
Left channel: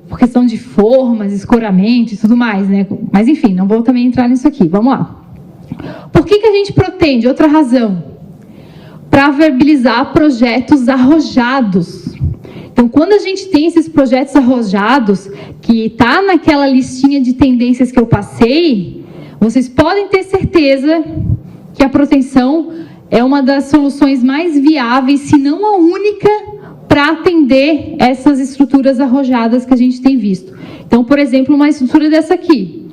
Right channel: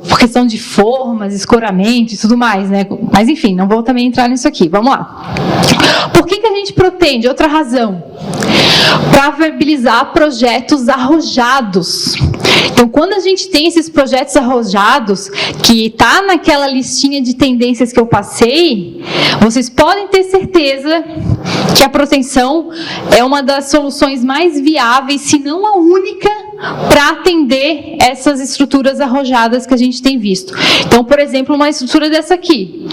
Por questão de formas, escoramento e tudo mais, né? Mas, enfim, não vou também entrar nisso aqui. Vamos lá. Por que a gente pretende? Outra razão. Para viabilizar projetos arrojados. Então, quando a gente tem esses projetos arrojados, que está naquela listinha de tendências que eu passei, vocês podem ter certeza que a proteção é uma das soluções mais viáveis, se não a única, para atender essas estruturas arrojadas que a gente tem visto. Então, por exemplo, uma estrutura dessa aqui,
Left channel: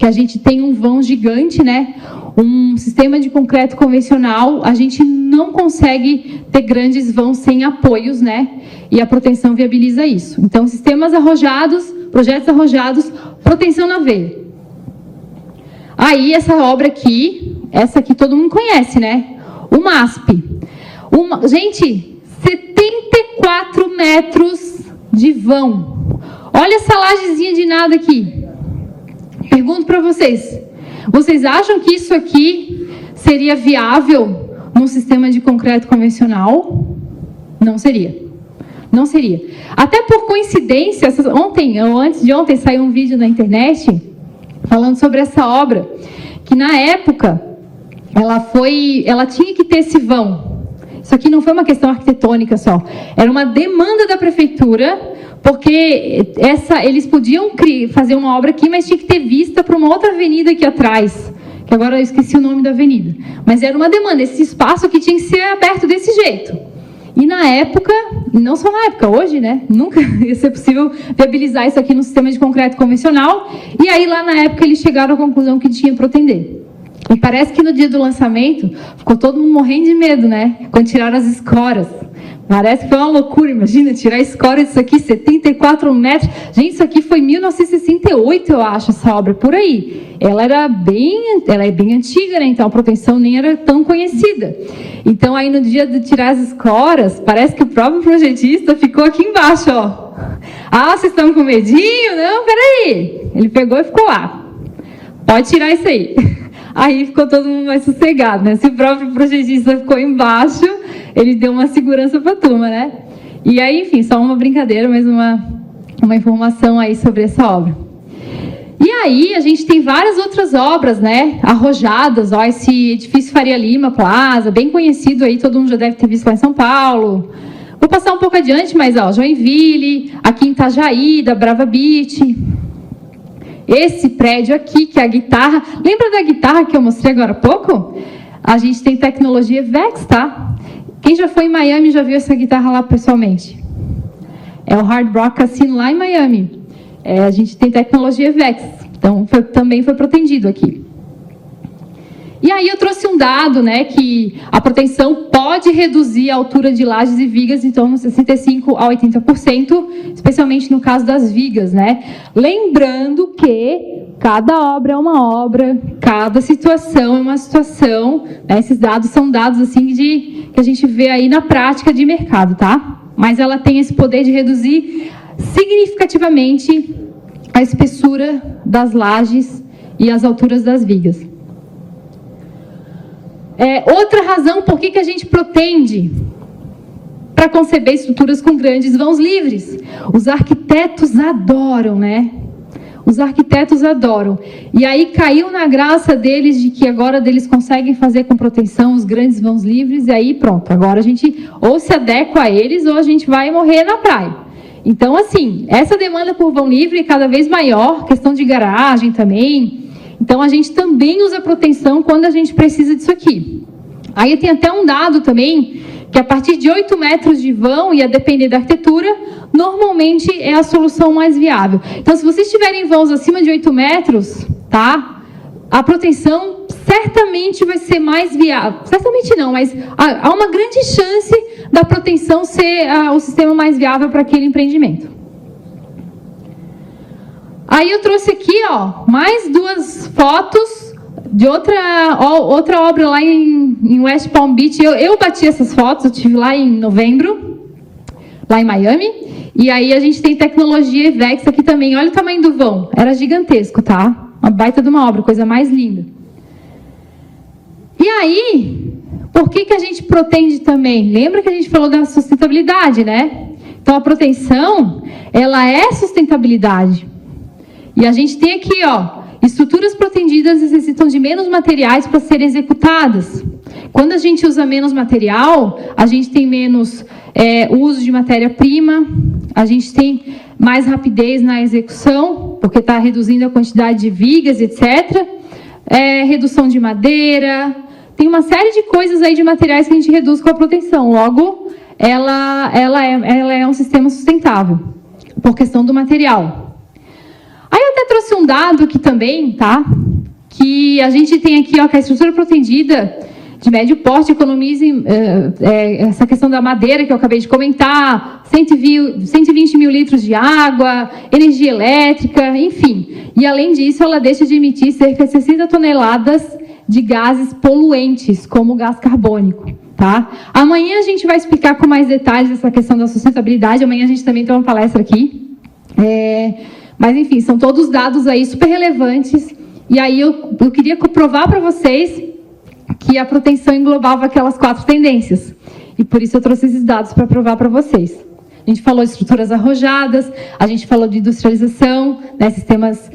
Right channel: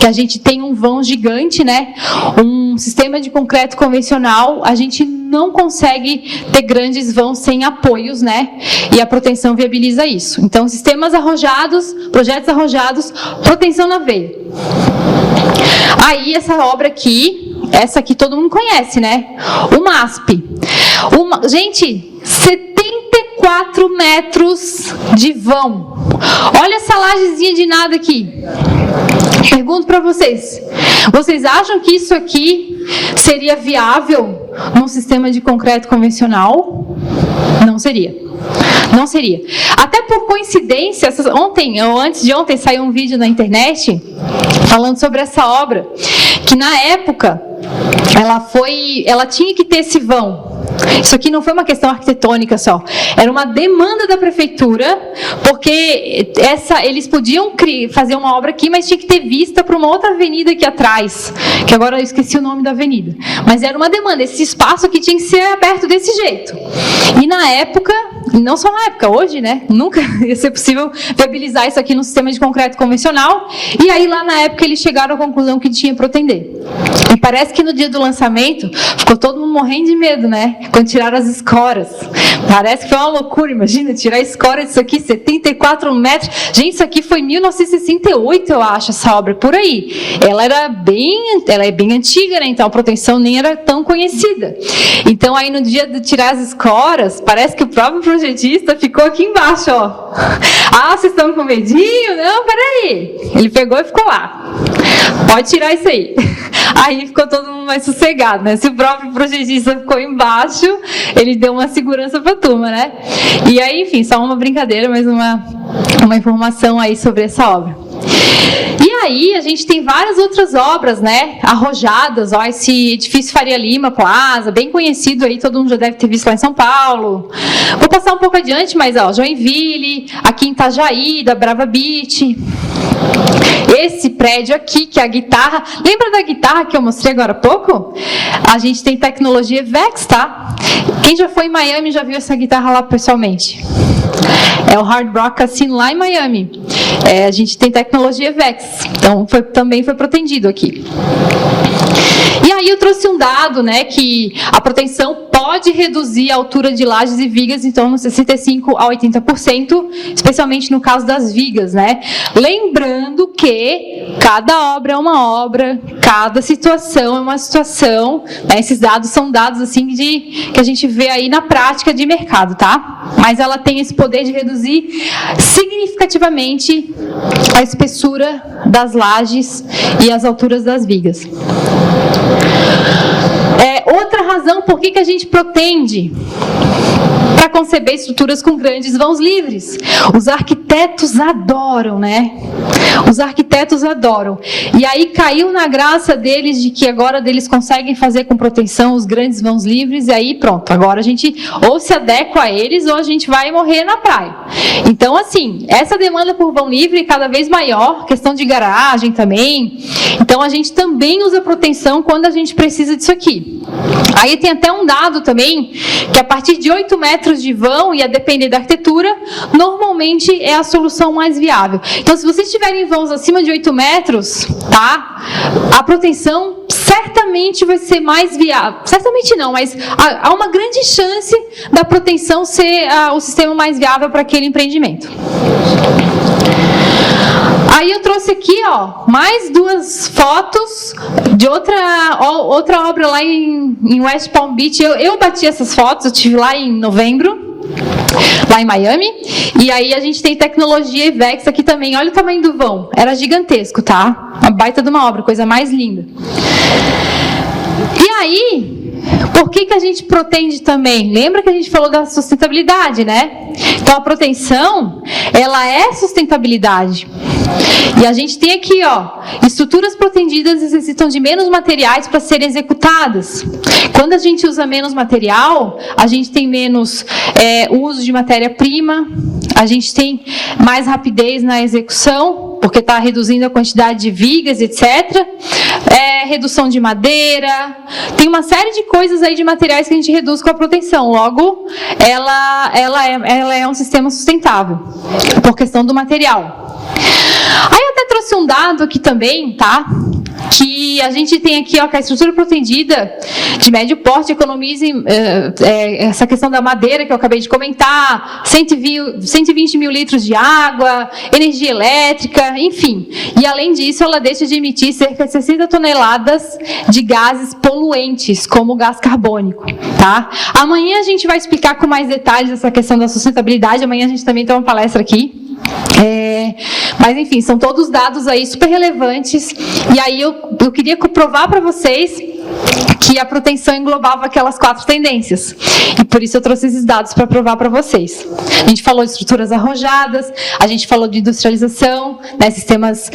que a gente tem um vão gigante, né? Um sistema de concreto convencional, a gente não consegue ter grandes vãos sem apoios, né? E a proteção viabiliza isso. Então, sistemas arrojados, projetos arrojados, proteção na veia. Aí, essa obra aqui, essa aqui todo mundo conhece, né? O MASP. Gente, 74 metros de vão. Olha essa lajezinha de nada aqui. Pergunto para vocês, vocês acham que isso aqui seria viável num sistema de concreto convencional? Não seria. Não seria. Até por coincidência, ontem ou antes de ontem saiu um vídeo na internet falando sobre essa obra, que na época ela tinha que ter esse vão. Isso aqui não foi uma questão arquitetônica só, era uma demanda da prefeitura, porque eles podiam fazer uma obra aqui, mas tinha que ter vista para uma outra avenida aqui atrás, que agora eu esqueci o nome da avenida, mas era uma demanda, esse espaço aqui tinha que ser aberto desse jeito. E na época, e não só na época, hoje, né, nunca ia ser possível viabilizar isso aqui no sistema de concreto convencional, e aí lá na época eles chegaram à conclusão que tinha para atender. E parece que no dia do lançamento, ficou todo mundo morrendo de medo, né? Quando tiraram as escoras. Parece que foi uma loucura, imagina, tirar a escora disso aqui, 74 metros. Gente, isso aqui foi em 1968, eu acho, essa obra, por aí. Ela é bem antiga, né? Então a proteção nem era tão conhecida. Então aí no dia de tirar as escoras, parece que o próprio projetista ficou aqui embaixo, ó. Ah, vocês estão com medinho? Não, peraí. Ele pegou e ficou lá. Pode tirar isso aí. Aí ficou todo mundo mais sossegado, né? Se o próprio projetista ficou embaixo, ele deu uma segurança para a turma, né? E aí, enfim, só uma brincadeira, mas uma informação aí sobre essa obra. E aí, a gente tem várias outras obras, né, arrojadas, ó, esse edifício Faria Lima Plaza, bem conhecido aí, todo mundo já deve ter visto lá em São Paulo. Vou passar um pouco adiante, mas, ó, Joinville, aqui em Itajaí, da Brava Beach. Esse prédio aqui, que é a guitarra, lembra da guitarra que eu mostrei agora há pouco? A gente tem tecnologia VEX, tá? Quem já foi em Miami já viu essa guitarra lá pessoalmente? É o Hard Rock Casino lá em Miami. A gente tem tecnologia VEX, então também foi protegido aqui. E aí eu trouxe um dado, né, que a proteção pode reduzir a altura de lajes e vigas, então, 65% a 80%, especialmente no caso das vigas, né? Lembrando que cada obra é uma obra, cada situação é uma situação, né? Esses dados são dados, assim, que a gente vê aí na prática de mercado, tá? Mas ela tem esse poder de reduzir significativamente a espessura das lajes e as alturas das vigas. Outra razão por que a gente pretende para conceber estruturas com grandes vãos livres. Os arquitetos adoram, né? Os arquitetos adoram. E aí caiu na graça deles de que agora eles conseguem fazer com proteção os grandes vãos livres, e aí pronto, agora a gente ou se adequa a eles ou a gente vai morrer na praia. Então, assim, essa demanda por vão livre é cada vez maior, questão de garagem também. Então, a gente também usa proteção quando a gente precisa disso aqui. Aí tem até um dado também, que a partir de 8 metros de vão, e a depender da arquitetura, normalmente é a solução mais viável. Então, se vocês tiverem vãos acima de 8 metros, tá? A proteção certamente vai ser mais viável. Certamente não, mas há uma grande chance da proteção ser o sistema mais viável para aquele empreendimento. Aí eu trouxe aqui, ó, mais duas fotos de outra obra lá em West Palm Beach. Eu bati essas fotos, eu estive lá em novembro. lá em Miami. E aí a gente tem tecnologia EVEX aqui também. Olha o tamanho do vão. Era gigantesco, tá? Uma baita de uma obra, coisa mais linda. E aí, por que a gente protege também? Lembra que a gente falou da sustentabilidade, né? Então, a proteção, ela é sustentabilidade. E a gente tem aqui, ó, estruturas protegidas necessitam de menos materiais para serem executadas. Quando a gente usa menos material, a gente tem menos uso de matéria-prima, a gente tem mais rapidez na execução, porque está reduzindo a quantidade de vigas, etc. Redução de madeira, tem uma série de coisas aí de materiais que a gente reduz com a proteção. Logo, ela é um sistema sustentável, por questão do material. Aí eu até trouxe um dado aqui também, tá? Que a gente tem aqui, ó, que a estrutura protegida de médio porte economiza essa questão da madeira que eu acabei de comentar, 120 mil litros de água, energia elétrica, enfim. E além disso, ela deixa de emitir cerca de 60 toneladas de gases poluentes, como o gás carbônico, tá? Amanhã a gente vai explicar com mais detalhes essa questão da sustentabilidade. Amanhã a gente também tem uma palestra aqui. Mas enfim, são todos dados aí super relevantes. E aí eu queria provar para vocês que a proteção englobava aquelas 4 tendências. E por isso eu trouxe esses dados para provar para vocês. A gente falou de estruturas arrojadas, a gente falou de industrialização, né, sistemas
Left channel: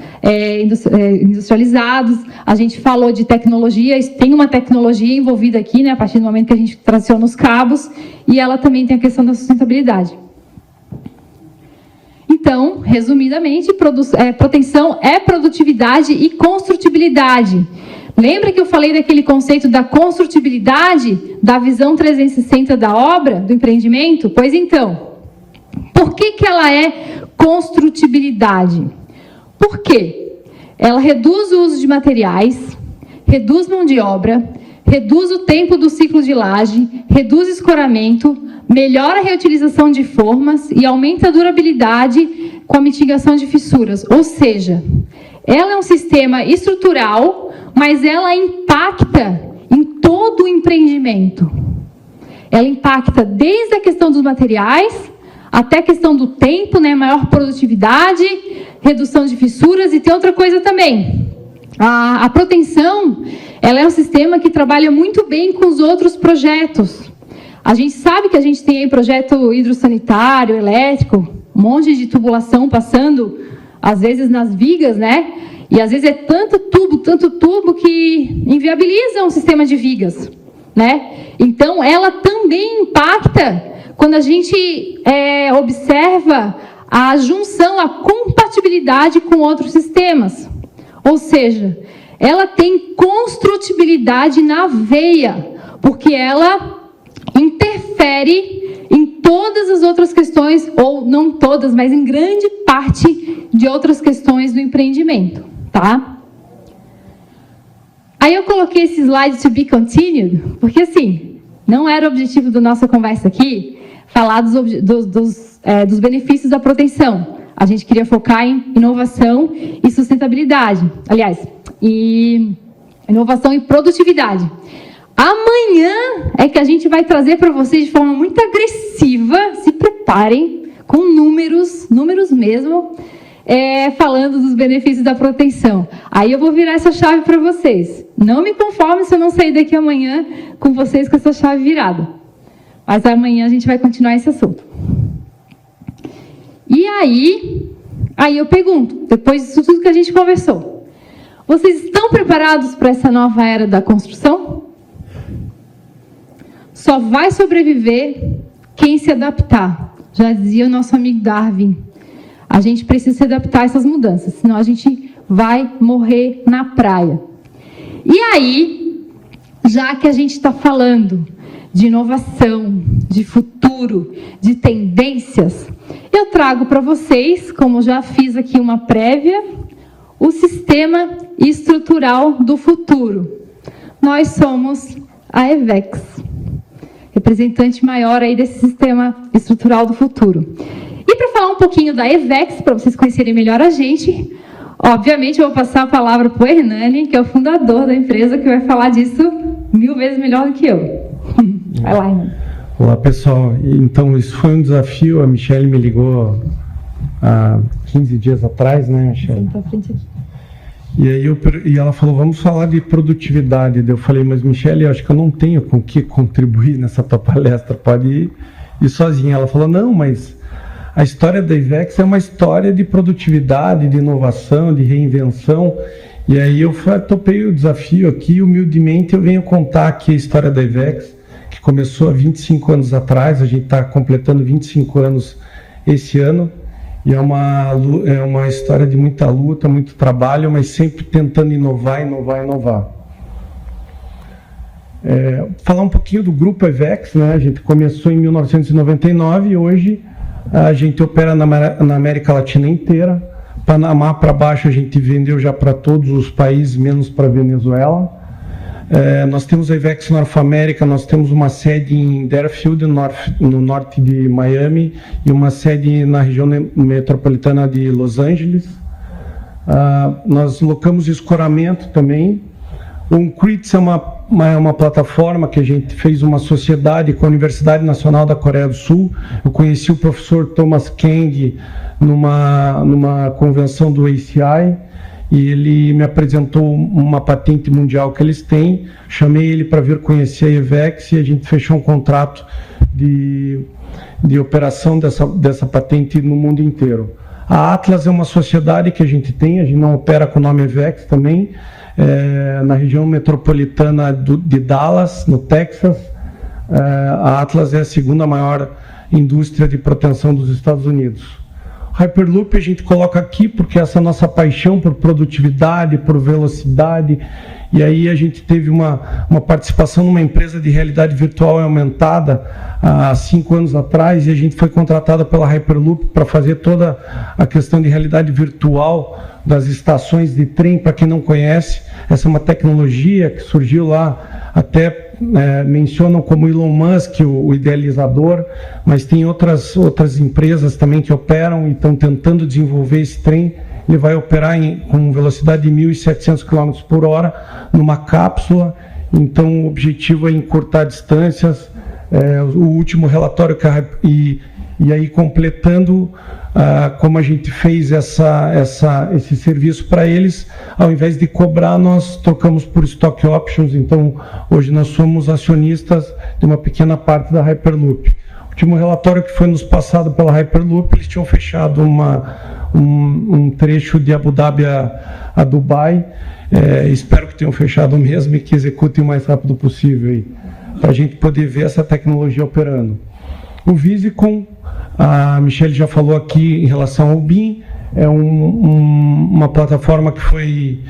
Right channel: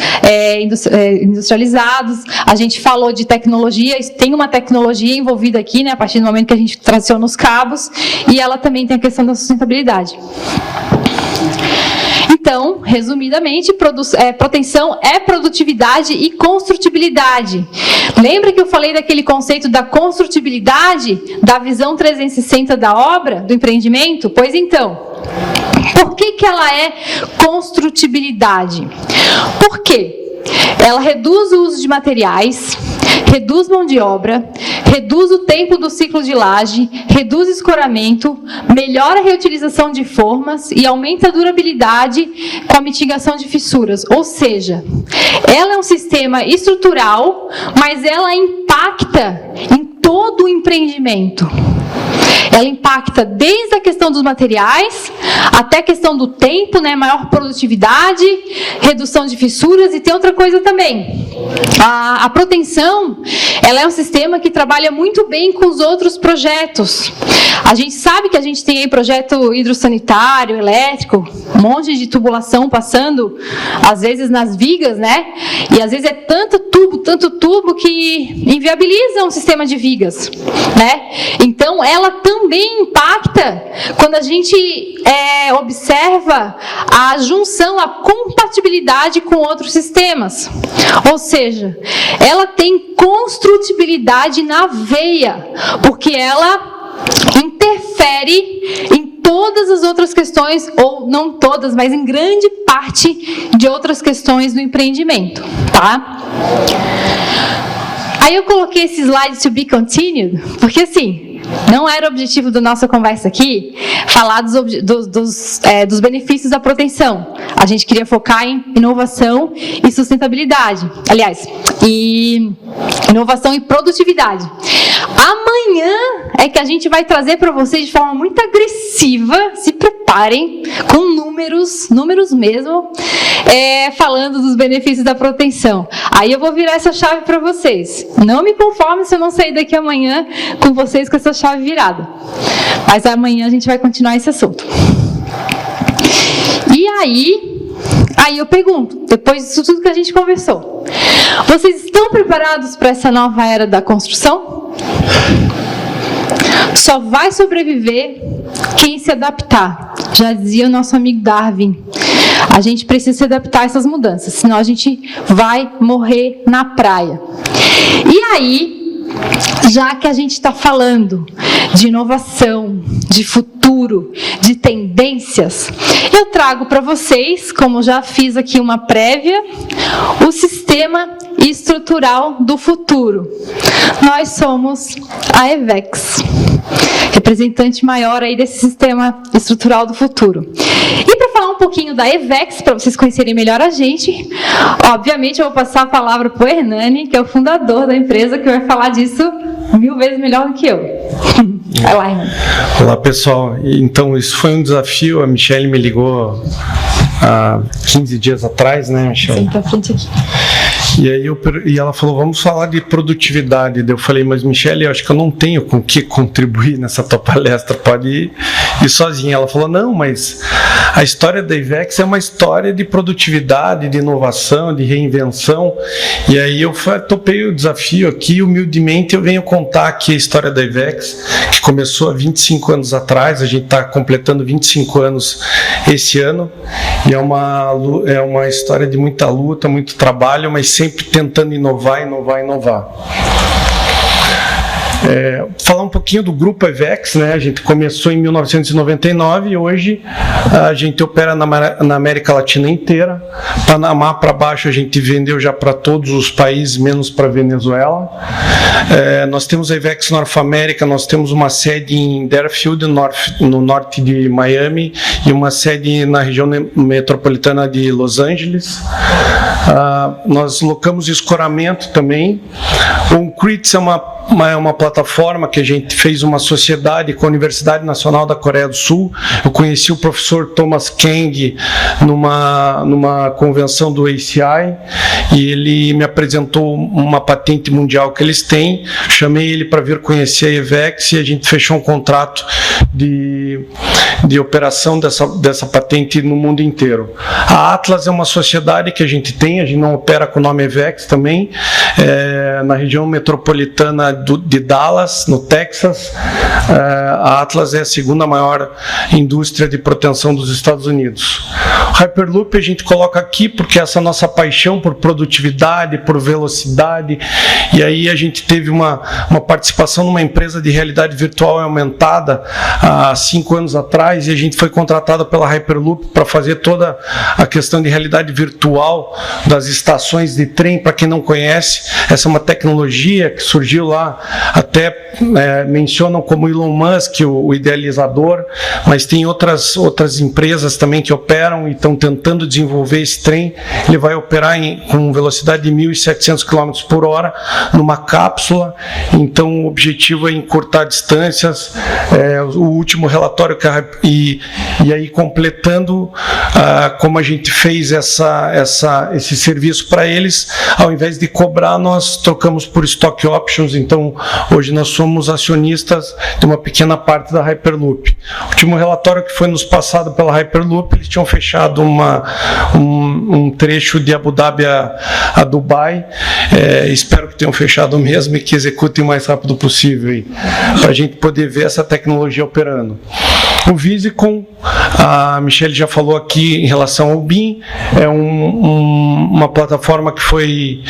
industrializados, a gente falou de tecnologia, tem uma tecnologia envolvida aqui, né, a partir do momento que a gente traciona os cabos, e ela também tem a questão da sustentabilidade. Então, resumidamente, proteção é produtividade e construtibilidade. Lembra que eu falei daquele conceito da construtibilidade, da visão 360 da obra, do empreendimento? Pois então, por que ela é construtibilidade? Por quê? Ela reduz o uso de materiais, reduz mão de obra, reduz o tempo do ciclo de laje, reduz escoramento, melhora a reutilização de formas e aumenta a durabilidade com a mitigação de fissuras. Ou seja, ela é um sistema estrutural, mas ela impacta em todo o empreendimento. Ela impacta desde a questão dos materiais até a questão do tempo, né, maior produtividade, redução de fissuras, e tem outra coisa também. A proteção, ela é um sistema que trabalha muito bem com os outros projetos. A gente sabe que a gente tem aí projeto hidrossanitário, elétrico, um monte de tubulação passando, às vezes nas vigas, né? E às vezes é tanto tubo que inviabiliza um sistema de vigas, né? Então, ela também impacta quando a gente observa a junção, a compatibilidade com outros sistemas. Ou seja, ela tem construtibilidade na veia, porque ela interfere em todas as outras questões, ou não todas, mas em grande parte de outras questões do empreendimento, tá? Aí eu coloquei esse slide to be continued, porque assim, não era o objetivo da nossa conversa aqui falar dos benefícios da proteção. A gente queria focar em inovação e sustentabilidade. Aliás, inovação e produtividade. Amanhã é que a gente vai trazer para vocês de forma muito agressiva, se preparem, com números mesmo, falando dos benefícios da proteção. Aí eu vou virar essa chave para vocês. Não me conforme se eu não sair daqui amanhã com vocês com essa chave virada. Mas amanhã a gente vai continuar esse assunto. E aí eu pergunto, depois disso tudo que a gente conversou, vocês estão preparados para essa nova era da construção? Só vai sobreviver quem se adaptar. Já dizia o nosso amigo Darwin. A gente precisa se adaptar a essas mudanças, senão a gente vai morrer na praia. E aí, já que a gente está falando de inovação, de futuro, de tendências, eu trago para vocês, como já fiz aqui uma prévia, o sistema estrutural do futuro. Nós somos a EVEX, representante maior aí desse sistema estrutural do futuro. E para falar um pouquinho da EVEX, para vocês conhecerem melhor a gente, obviamente eu vou passar a palavra para o Hernani, que é o fundador da empresa, que vai falar disso 1000 vezes melhor do que eu. Vai lá, irmão. Olá, pessoal. Então, isso foi um desafio. A Michelle me ligou há 15 dias atrás, né, Michelle? Senta à frente aqui. E aí e ela falou, vamos falar de produtividade. Daí eu falei, mas Michelle, eu acho que eu não tenho com o que contribuir nessa tua palestra, pode ir sozinha. Ela falou, não, mas a história da IVEX é uma história de produtividade, de inovação, de reinvenção. E aí eu topei o desafio aqui, humildemente eu venho contar aqui a história da IVEX, que começou há 25 anos atrás, a gente está completando 25 anos esse ano, e é uma história de muita luta, muito trabalho, mas sempre tentando inovar. Falar um pouquinho do grupo IVEX, né? A gente começou em 1999 e hoje a gente opera na América Latina inteira. Panamá para baixo a gente vendeu já para todos os países, menos para Venezuela. Nós temos a IVEX North America, nós temos uma sede em Deerfield, no norte de Miami, e uma sede na região metropolitana de Los Angeles. Nós locamos escoramento também. O Uncrits é uma plataforma que a gente fez uma sociedade com a Universidade Nacional da Coreia do Sul. Eu conheci o professor Thomas Kang numa convenção do ACI e ele me apresentou uma patente mundial que eles têm. Chamei ele para vir conhecer a IVEX e a gente fechou um contrato de operação dessa patente no mundo inteiro. A Atlas é uma sociedade que a gente não opera com o nome IVEX também, na região metropolitana de Dallas, no Texas. A Atlas é a segunda maior indústria de proteção dos Estados Unidos. O Hyperloop a gente coloca aqui porque essa nossa paixão por produtividade, por velocidade, e aí a gente teve uma participação numa empresa de realidade virtual e aumentada há 5 anos atrás, e a gente foi contratado pela Hyperloop para fazer toda a questão de realidade virtual das estações de trem. Para quem não conhece, essa é uma tecnologia que surgiu lá, até mencionam como Elon Musk, o idealizador, mas tem outras empresas também que operam e estão tentando desenvolver esse trem. Ele vai operar com velocidade de 1.700 km por hora numa cápsula, então o objetivo é encurtar distâncias. O último relatório e aí completando como a gente fez esse serviço para eles, ao invés de cobrar, nós trocamos por stock options. Então hoje nós somos acionistas de uma pequena parte da Hyperloop. O último relatório que foi nos passado pela Hyperloop, eles tinham fechado um trecho de Abu Dhabi a Dubai. Espero que tenham fechado mesmo e que executem o mais rápido possível para a gente poder ver essa tecnologia operando. O Visicom, a Michelle já falou aqui em relação ao BIM, é uma plataforma que foi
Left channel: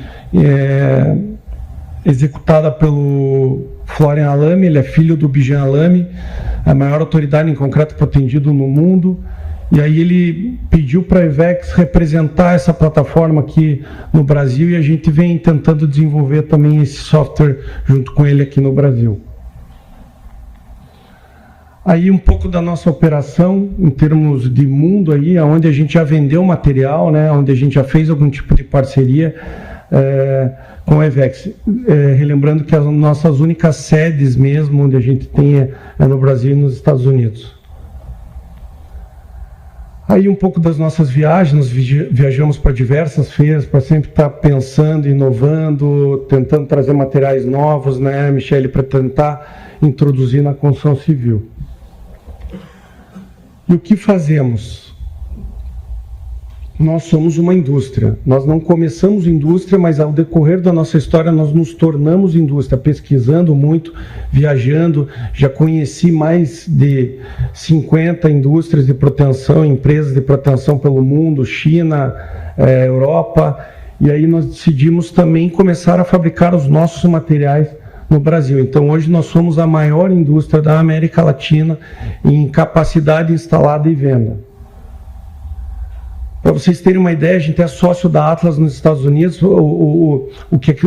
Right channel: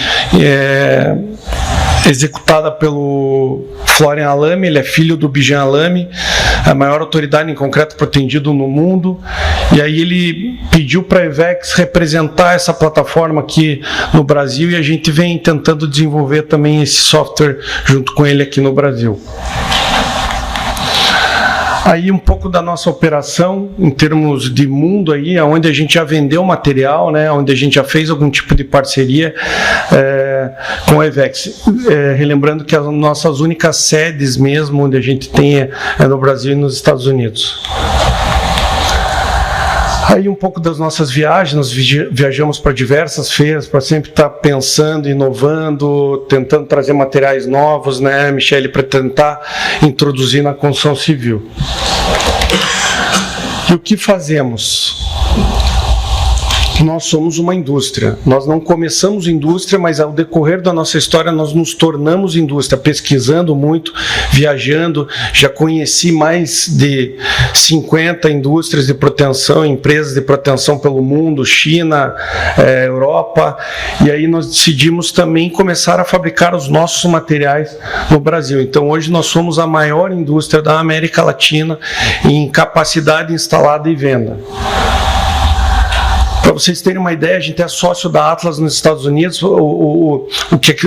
executada pelo Florian Alame. Ele é filho do Bijan Alame, a maior autoridade em concreto protendido no mundo, e aí ele pediu para a IVEX representar essa plataforma aqui no Brasil, e a gente vem tentando desenvolver também esse software junto com ele aqui no Brasil. Aí um pouco da nossa operação em termos de mundo aí, onde a gente já vendeu material, né, onde a gente já fez algum tipo de parceria com a IVEX. Relembrando que as nossas únicas sedes mesmo, onde a gente tem é no Brasil e nos Estados Unidos. Aí um pouco das nossas viagens, nós viajamos para diversas feiras, para sempre estar pensando, inovando, tentando trazer materiais novos, né, Michelle, para tentar introduzir na construção civil. E o que fazemos? Nós somos uma indústria. Nós não começamos indústria, mas ao decorrer da nossa história nós nos tornamos indústria, pesquisando muito, viajando. Já conheci mais de 50 indústrias de proteção, empresas de proteção pelo mundo, China, Europa, e aí nós decidimos também começar a fabricar os nossos materiais no Brasil. Então hoje nós somos a maior indústria da América Latina em capacidade instalada e venda. Para vocês terem uma ideia, a gente é sócio da Atlas nos Estados Unidos.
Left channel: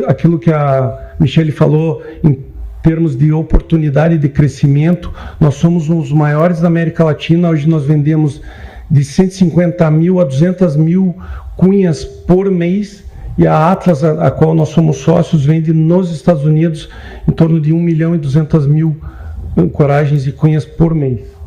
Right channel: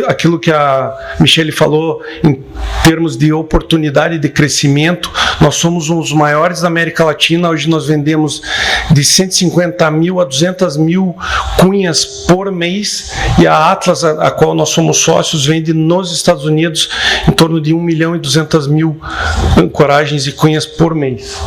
Aquilo que a Michele falou em termos de oportunidade de crescimento, nós somos um dos maiores da América Latina. Hoje nós vendemos de 150 mil a 200 mil cunhas por mês, e a Atlas, a qual nós somos sócios, vende nos Estados Unidos em torno de 1 milhão e 200 mil ancoragens e cunhas por mês.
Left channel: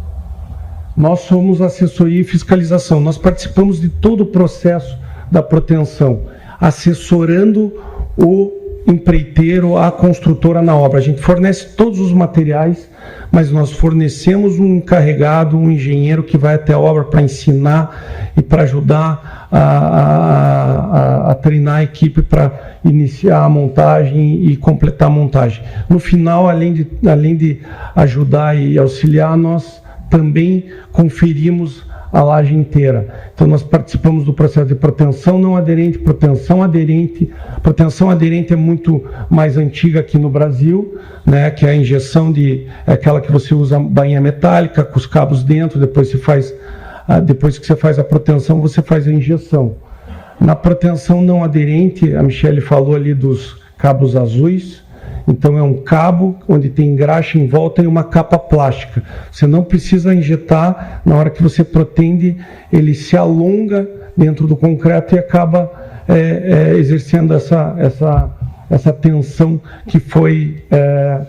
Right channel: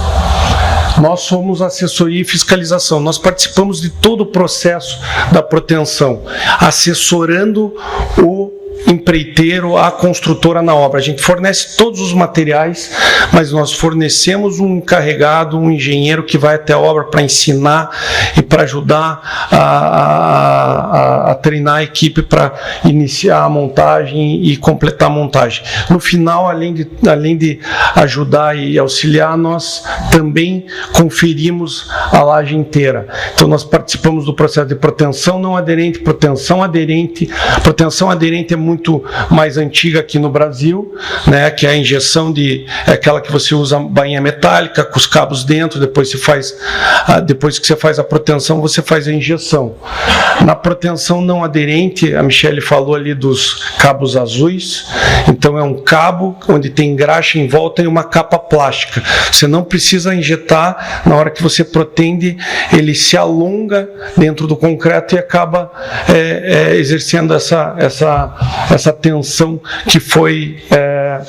Nós somos assessoria e fiscalização, nós participamos de todo o processo da proteção, assessorando o empreiteiro, a construtora na obra. A gente fornece todos os materiais, mas nós fornecemos um encarregado, um engenheiro que vai até a obra para ensinar e para ajudar a treinar a equipe para iniciar a montagem e completar a montagem. No final, além de ajudar e auxiliar, nós também conferimos a laje inteira. Então nós participamos do processo de proteção não aderente, proteção aderente. Proteção aderente é muito mais antiga aqui no Brasil, né, que é a injeção aquela que você usa bainha metálica com os cabos dentro, depois que você faz a proteção, você faz a injeção. Na proteção não aderente, a Michele falou ali dos cabos azuis, então é um cabo onde tem graxa em volta e uma capa plástica. Você não precisa injetar, na hora que você protende, ele se alonga dentro do concreto e acaba exercendo essa tensão que foi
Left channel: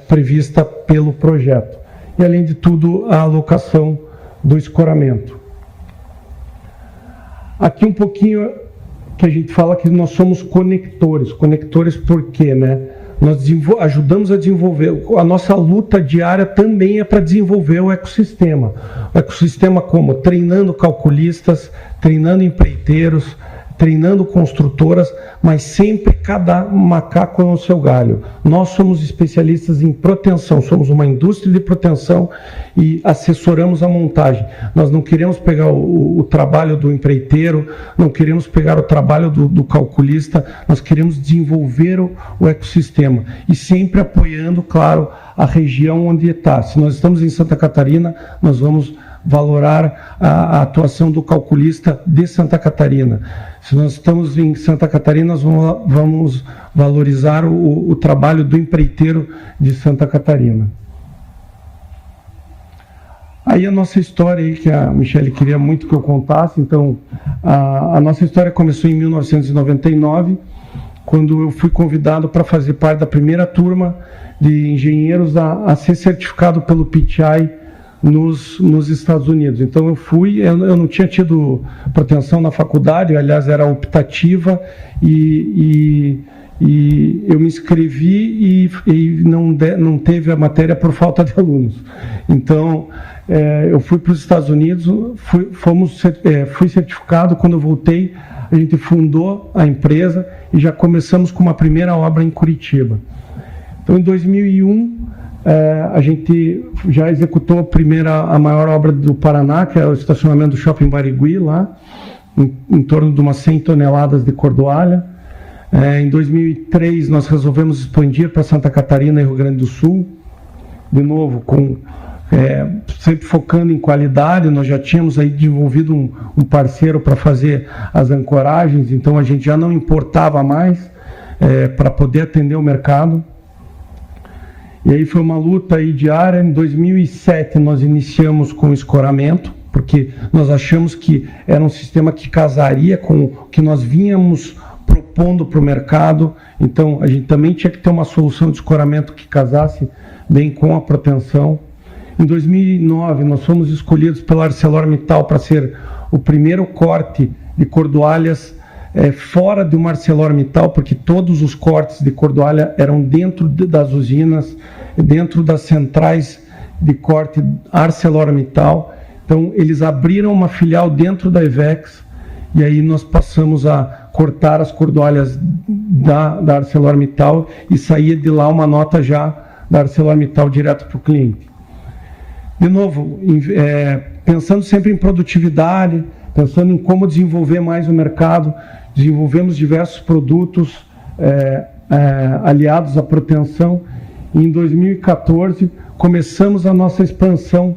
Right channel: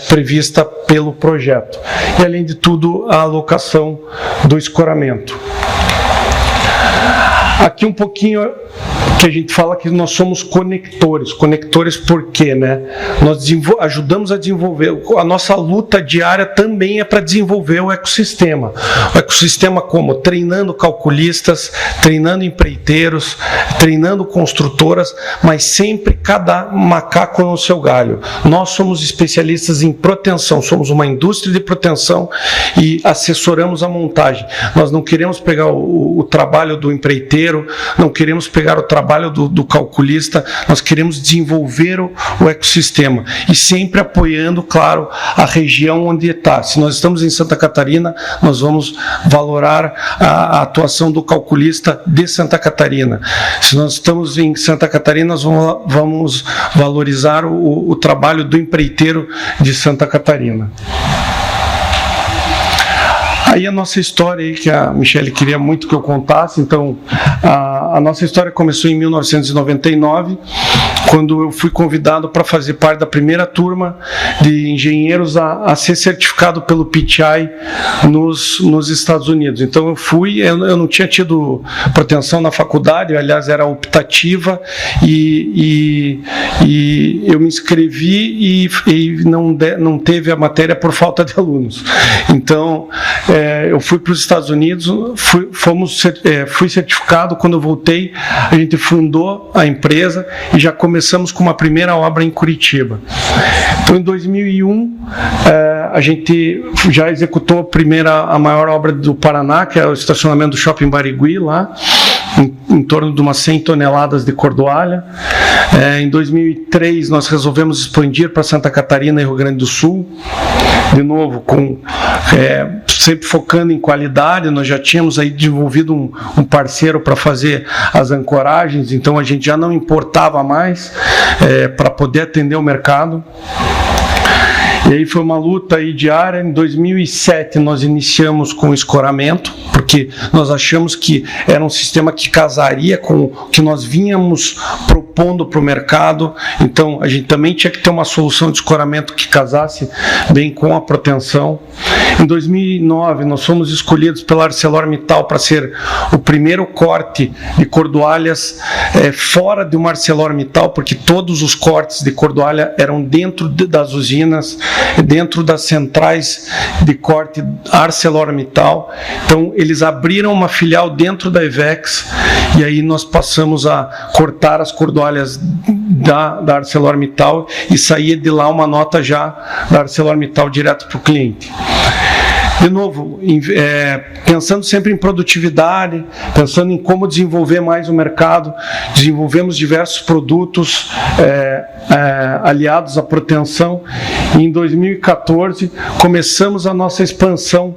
prevista pelo projeto. E, além de tudo, a alocação do escoramento. Aqui um pouquinho que a gente fala que nós somos conectores. Conectores por quê, né? Nós ajudamos a desenvolver, a nossa luta diária também é para desenvolver o ecossistema. O ecossistema como? Treinando calculistas, treinando empreiteiros, treinando construtoras, mas sempre cada macaco no seu galho. Nós somos especialistas em proteção, somos uma indústria de proteção e assessoramos a montagem. Nós não queremos pegar o trabalho do empreiteiro, não queremos pegar o trabalho do calculista, nós queremos desenvolver o ecossistema e sempre apoiando, claro, a região onde está. Se nós estamos em Santa Catarina, nós vamos valorar a atuação do calculista de Santa Catarina. Se nós estamos em Santa Catarina, nós vamos valorizar o trabalho do empreiteiro de Santa Catarina. Aí a nossa história, aí, que a Michele queria muito que eu contasse, então a nossa história começou em 1999, quando eu fui convidado para fazer parte da primeira turma de engenheiros a ser certificado pelo PTI nos Estados Unidos. Então eu não tinha tido proteção na faculdade, aliás era optativa, e eu me inscrevi e não teve a matéria por falta de alunos. Então eu fui para os Estados Unidos, fui certificado. Quando eu voltei, a gente fundou a empresa e já começamos com uma primeira obra em Curitiba. Então, em 2001, a gente já executou a maior obra do Paraná, que é o estacionamento do Shopping Barigui, lá, em torno de umas 100 toneladas de cordoalha. Em 2003, nós resolvemos expandir para Santa Catarina e Rio Grande do Sul, de novo, sempre focando em qualidade. Nós já tínhamos aí desenvolvido um parceiro para fazer as ancoragens, então a gente já não importava mais para poder atender o mercado. E aí foi uma luta aí diária. Em 2007 nós iniciamos com o escoramento, porque nós achamos que era um sistema que casaria com o que nós vínhamos propondo para o mercado. Então a gente também tinha que ter uma solução de escoramento que casasse bem com a proteção. Em 2009 nós fomos escolhidos pela ArcelorMittal para ser o primeiro corte de cordoalhas fora de uma ArcelorMittal, porque todos os cortes de cordoalha eram dentro das usinas, dentro das centrais de corte ArcelorMittal. Então eles abriram uma filial dentro da Ivex e aí nós passamos a cortar as cordoalhas da ArcelorMittal e saía de lá uma nota já da ArcelorMittal direto para o cliente. De novo, pensando sempre em produtividade, pensando em como desenvolver mais o mercado, desenvolvemos diversos produtos aliados à proteção, e em 2014 começamos a nossa expansão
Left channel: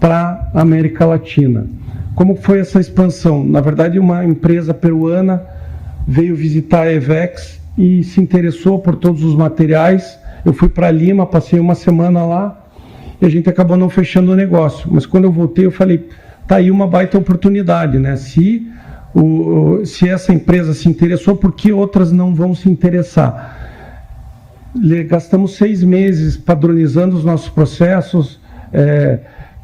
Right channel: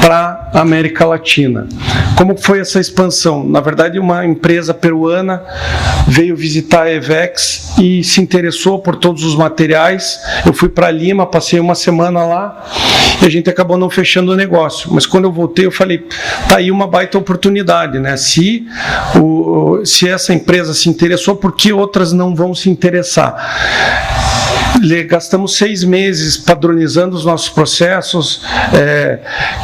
para América Latina. Como foi essa expansão? Na verdade, uma empresa peruana veio visitar a EVEX e se interessou por todos os materiais. Eu fui para Lima, passei uma semana lá e a gente acabou não fechando o negócio. Mas quando eu voltei, eu falei, tá aí uma baita oportunidade, né? Se essa empresa se interessou, por que outras não vão se interessar? Gastamos 6 meses padronizando os nossos processos,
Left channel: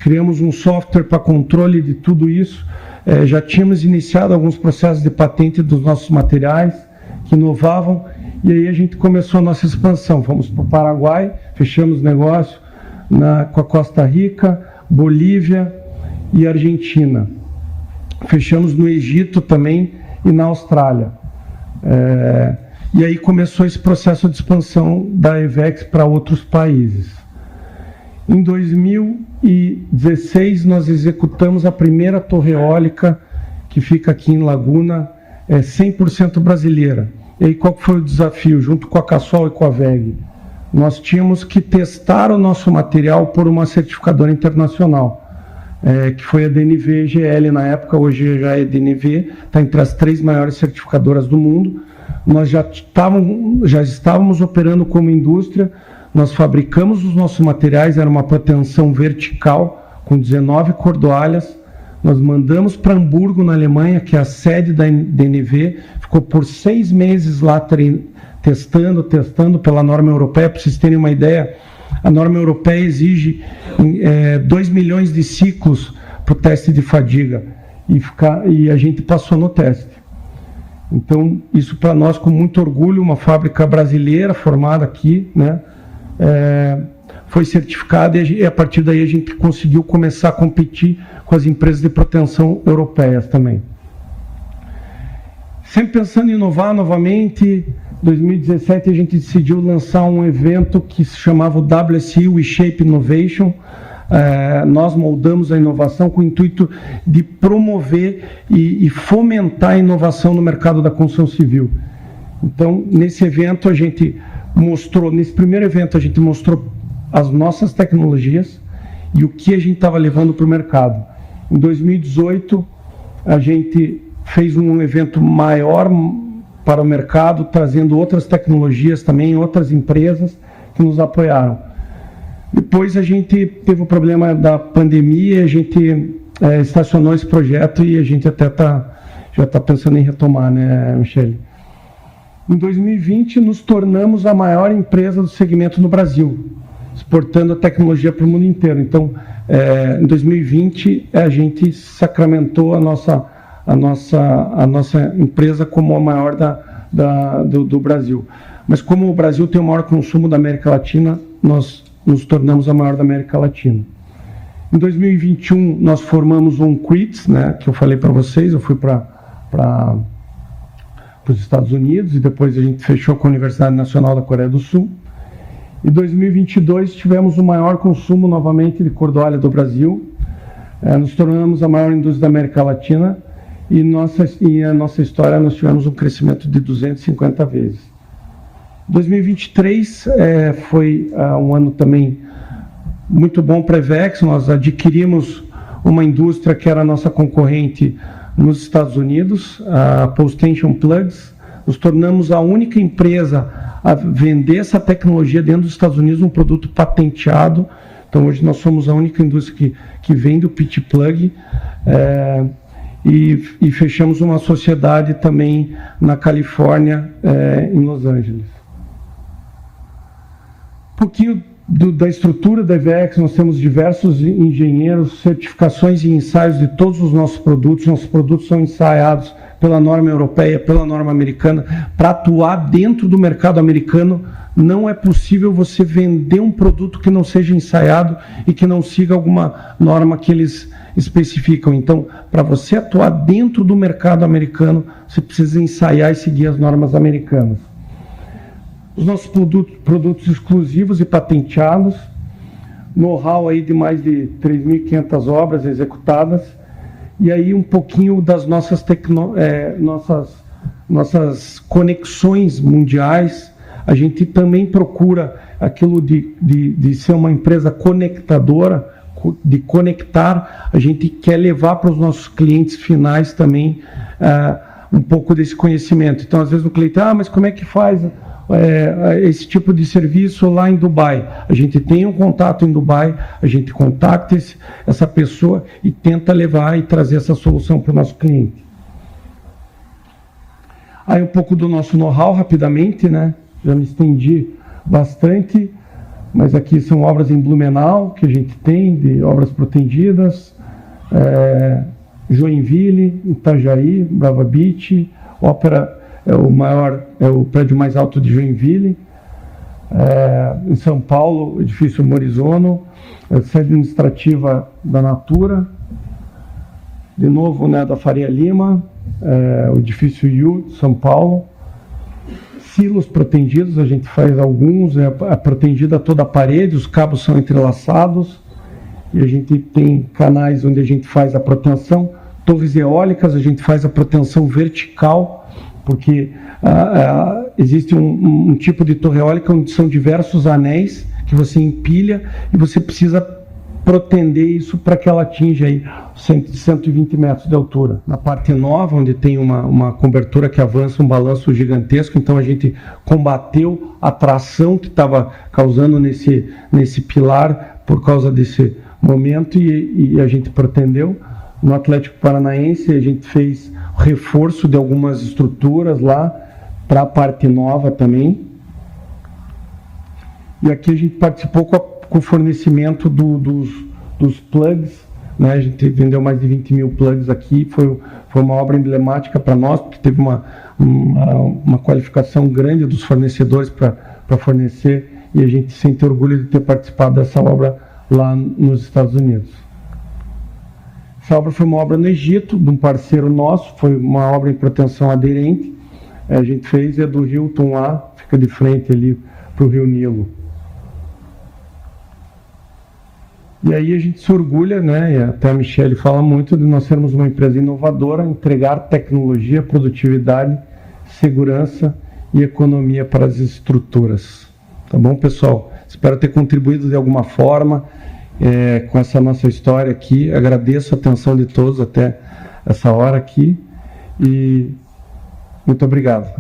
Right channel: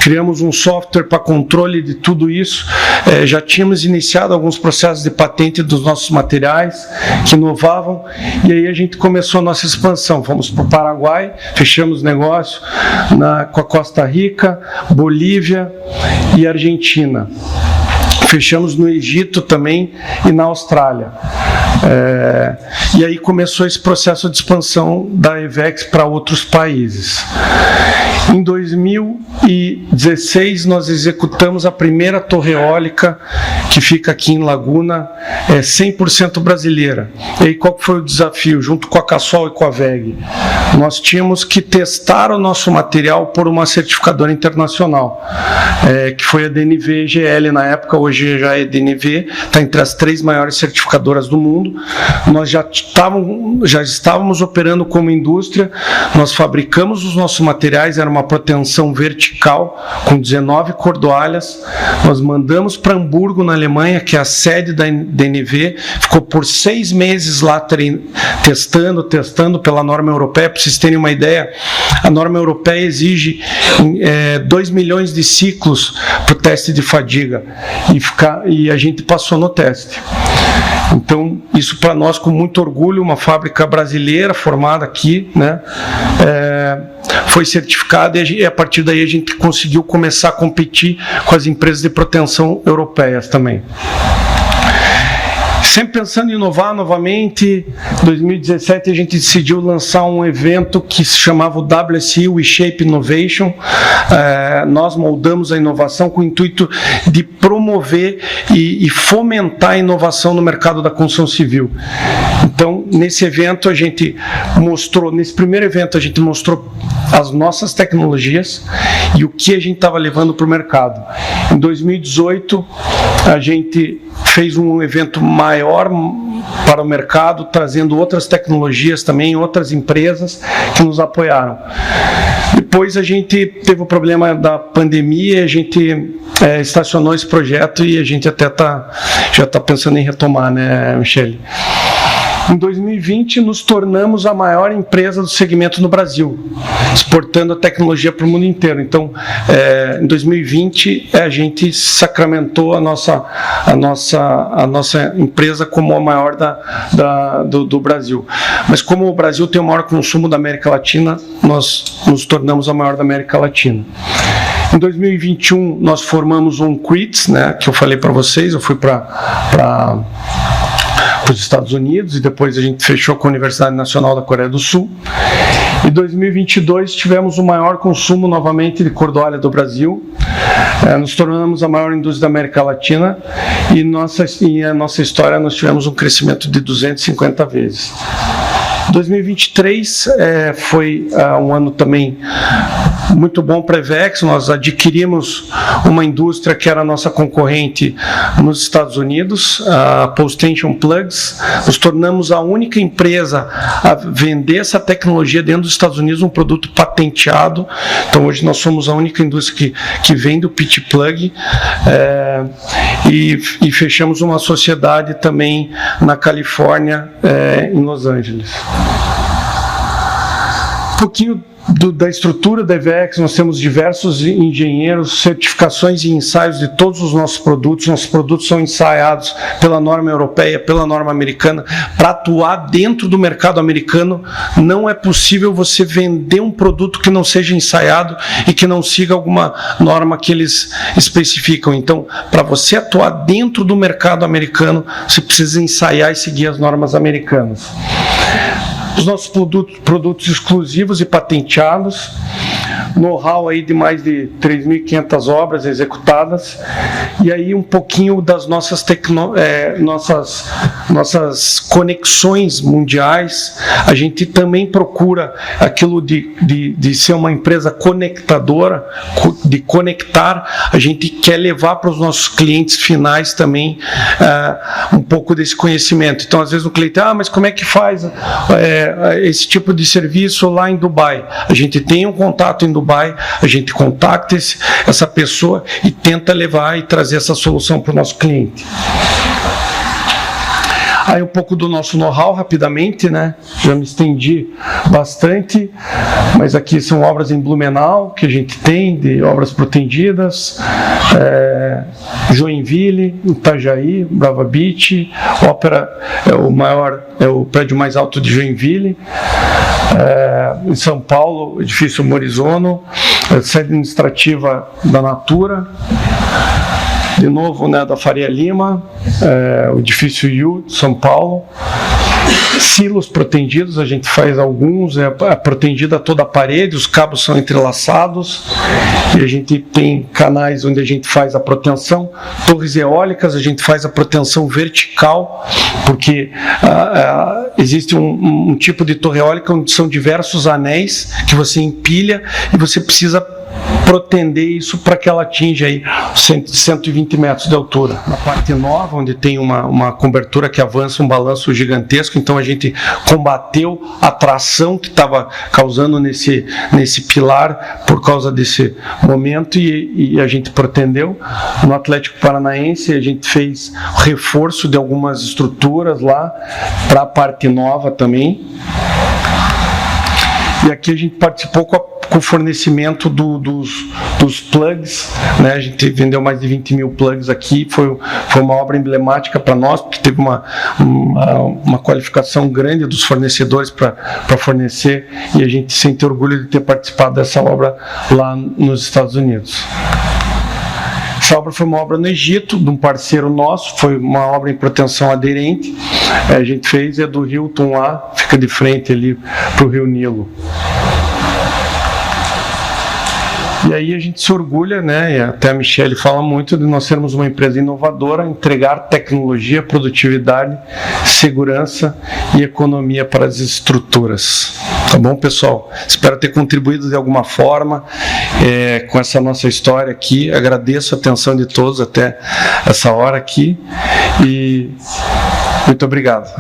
criamos um software para controle de tudo isso, já tínhamos iniciado alguns processos de patente dos nossos materiais que inovavam, e aí a gente começou a nossa expansão. Fomos para o Paraguai, fechamos negócio com a Costa Rica, Bolívia e Argentina. Fechamos no Egito também e na Austrália. E aí começou esse processo de expansão da EVEX para outros países. Em 2016, nós executamos a primeira torre eólica que fica aqui em Laguna, 100% brasileira. E aí qual foi o desafio? Junto com a Cassol e com a WEG, nós tínhamos que testar o nosso material por uma certificadora internacional, que foi a DNV GL na época, hoje já é DNV, está entre as 3 maiores certificadoras do mundo. Nós já estávamos operando como indústria, nós fabricamos os nossos materiais, era uma proteção vertical com 19 cordoalhas. Nós mandamos para Hamburgo, na Alemanha, que é a sede da DNV, ficou por 6 meses lá testando pela norma europeia. Para vocês terem uma ideia, a norma europeia exige 2 milhões de ciclos para o teste de fadiga, e a gente passou no teste. Então, isso para nós com muito orgulho, uma fábrica brasileira formada aqui, né, foi certificada, e a partir daí a gente conseguiu começar a competir com as empresas de proteção europeias também. Sempre pensando em inovar novamente, em 2017 a gente decidiu lançar um evento que se chamava o WSI, o WeShape Innovation. Nós moldamos a inovação com o intuito de promover e fomentar a inovação no mercado da construção civil. Então, nesse evento a gente mostrou, nesse primeiro evento a gente mostrou as nossas tecnologias e o que a gente estava levando para o mercado. Em 2018 a gente fez um evento maior para o mercado, trazendo outras tecnologias também, outras empresas que nos apoiaram. Depois a gente teve o problema da pandemia, a gente estacionou esse projeto e a gente até já está pensando em retomar, né, Michele? Em 2020, nos tornamos a maior empresa do segmento no Brasil, exportando a tecnologia para o mundo inteiro. Então, em 2020, a gente sacramentou a nossa empresa como a maior do Brasil. Mas como o Brasil tem o maior consumo da América Latina, nós nos tornamos a maior da América Latina. Em 2021, nós formamos um CRITS, né, que eu falei para vocês, eu fui para os Estados Unidos e depois a gente fechou com a Universidade Nacional da Coreia do Sul. Em 2022 tivemos o maior consumo novamente de cordoalha do Brasil, nos tornamos a maior indústria da América Latina e a nossa história nós tivemos um crescimento de 250 vezes. 2023 foi um ano também muito bom para a EVEX. Nós adquirimos uma indústria que era a nossa concorrente nos Estados Unidos, a Post-Tension Plugs. Nos tornamos a única empresa a vender essa tecnologia dentro dos Estados Unidos, um produto patenteado. Então hoje nós somos a única indústria que vende o Pitch Plug, e fechamos uma sociedade também na Califórnia, em Los Angeles. Um pouquinho da estrutura da EVEX, nós temos diversos engenheiros, certificações e ensaios de todos os nossos produtos. Nossos produtos são ensaiados pela norma europeia, pela norma americana. Para atuar dentro do mercado americano, não é possível você vender um produto que não seja ensaiado e que não siga alguma norma que eles especificam. Então, para você atuar dentro do mercado americano, você precisa ensaiar e seguir as normas americanas. Os nossos produtos exclusivos e patenteados. know-how aí de mais de 3.500 obras executadas, e aí um pouquinho das nossas conexões mundiais. A gente também procura aquilo de ser uma empresa conectadora, de conectar. A gente quer levar para os nossos clientes finais também um pouco desse conhecimento. Então, às vezes o cliente, mas como é que faz esse tipo de serviço lá em Dubai? A gente tem um contato em Dubai, a gente contacta essa pessoa e tenta levar e trazer essa solução para o nosso cliente. Aí um pouco do nosso know-how rapidamente, né? Já me estendi bastante, mas aqui são obras em Blumenau que a gente tem, de obras protendidas, Joinville, Itajaí, Brava Beach, Ópera é o prédio mais alto de Joinville. Em São Paulo, edifício Morizono, sede administrativa da Natura, de novo, né, da Faria Lima, o edifício IU de São Paulo. Silos protendidos, a gente faz alguns, protendida toda a parede, os cabos são entrelaçados, e a gente tem canais onde a gente faz a proteção. Torres eólicas, a gente faz a proteção vertical, porque existe um tipo de torre eólica onde são diversos anéis que você empilha e você precisa protender isso para que ela atinja aí 120 metros de altura. Na parte nova, onde tem uma cobertura que avança um balanço gigantesco, então a gente combateu a tração que estava causando nesse pilar por causa desse momento e a gente protendeu. No Atlético Paranaense, a gente fez reforço de algumas estruturas lá para a parte nova também. E aqui a gente participou com o fornecimento dos plugs, né? A gente vendeu mais de 20 mil plugs aqui, foi uma obra emblemática para nós, porque teve uma qualificação grande dos fornecedores para fornecer, e a gente sente orgulho de ter participado dessa obra lá nos Estados Unidos. Essa obra foi uma obra no Egito, de um parceiro nosso, foi uma obra em proteção aderente. A gente fez, do Hilton lá, fica de frente ali para o Rio Nilo. E aí a gente se orgulha, né, e até a Michelle fala muito, de nós sermos uma empresa inovadora, entregar tecnologia, produtividade, segurança e economia para as estruturas. Tá bom, pessoal? Espero ter contribuído de alguma forma com essa nossa história aqui. Agradeço a atenção de todos até essa hora aqui e muito obrigado.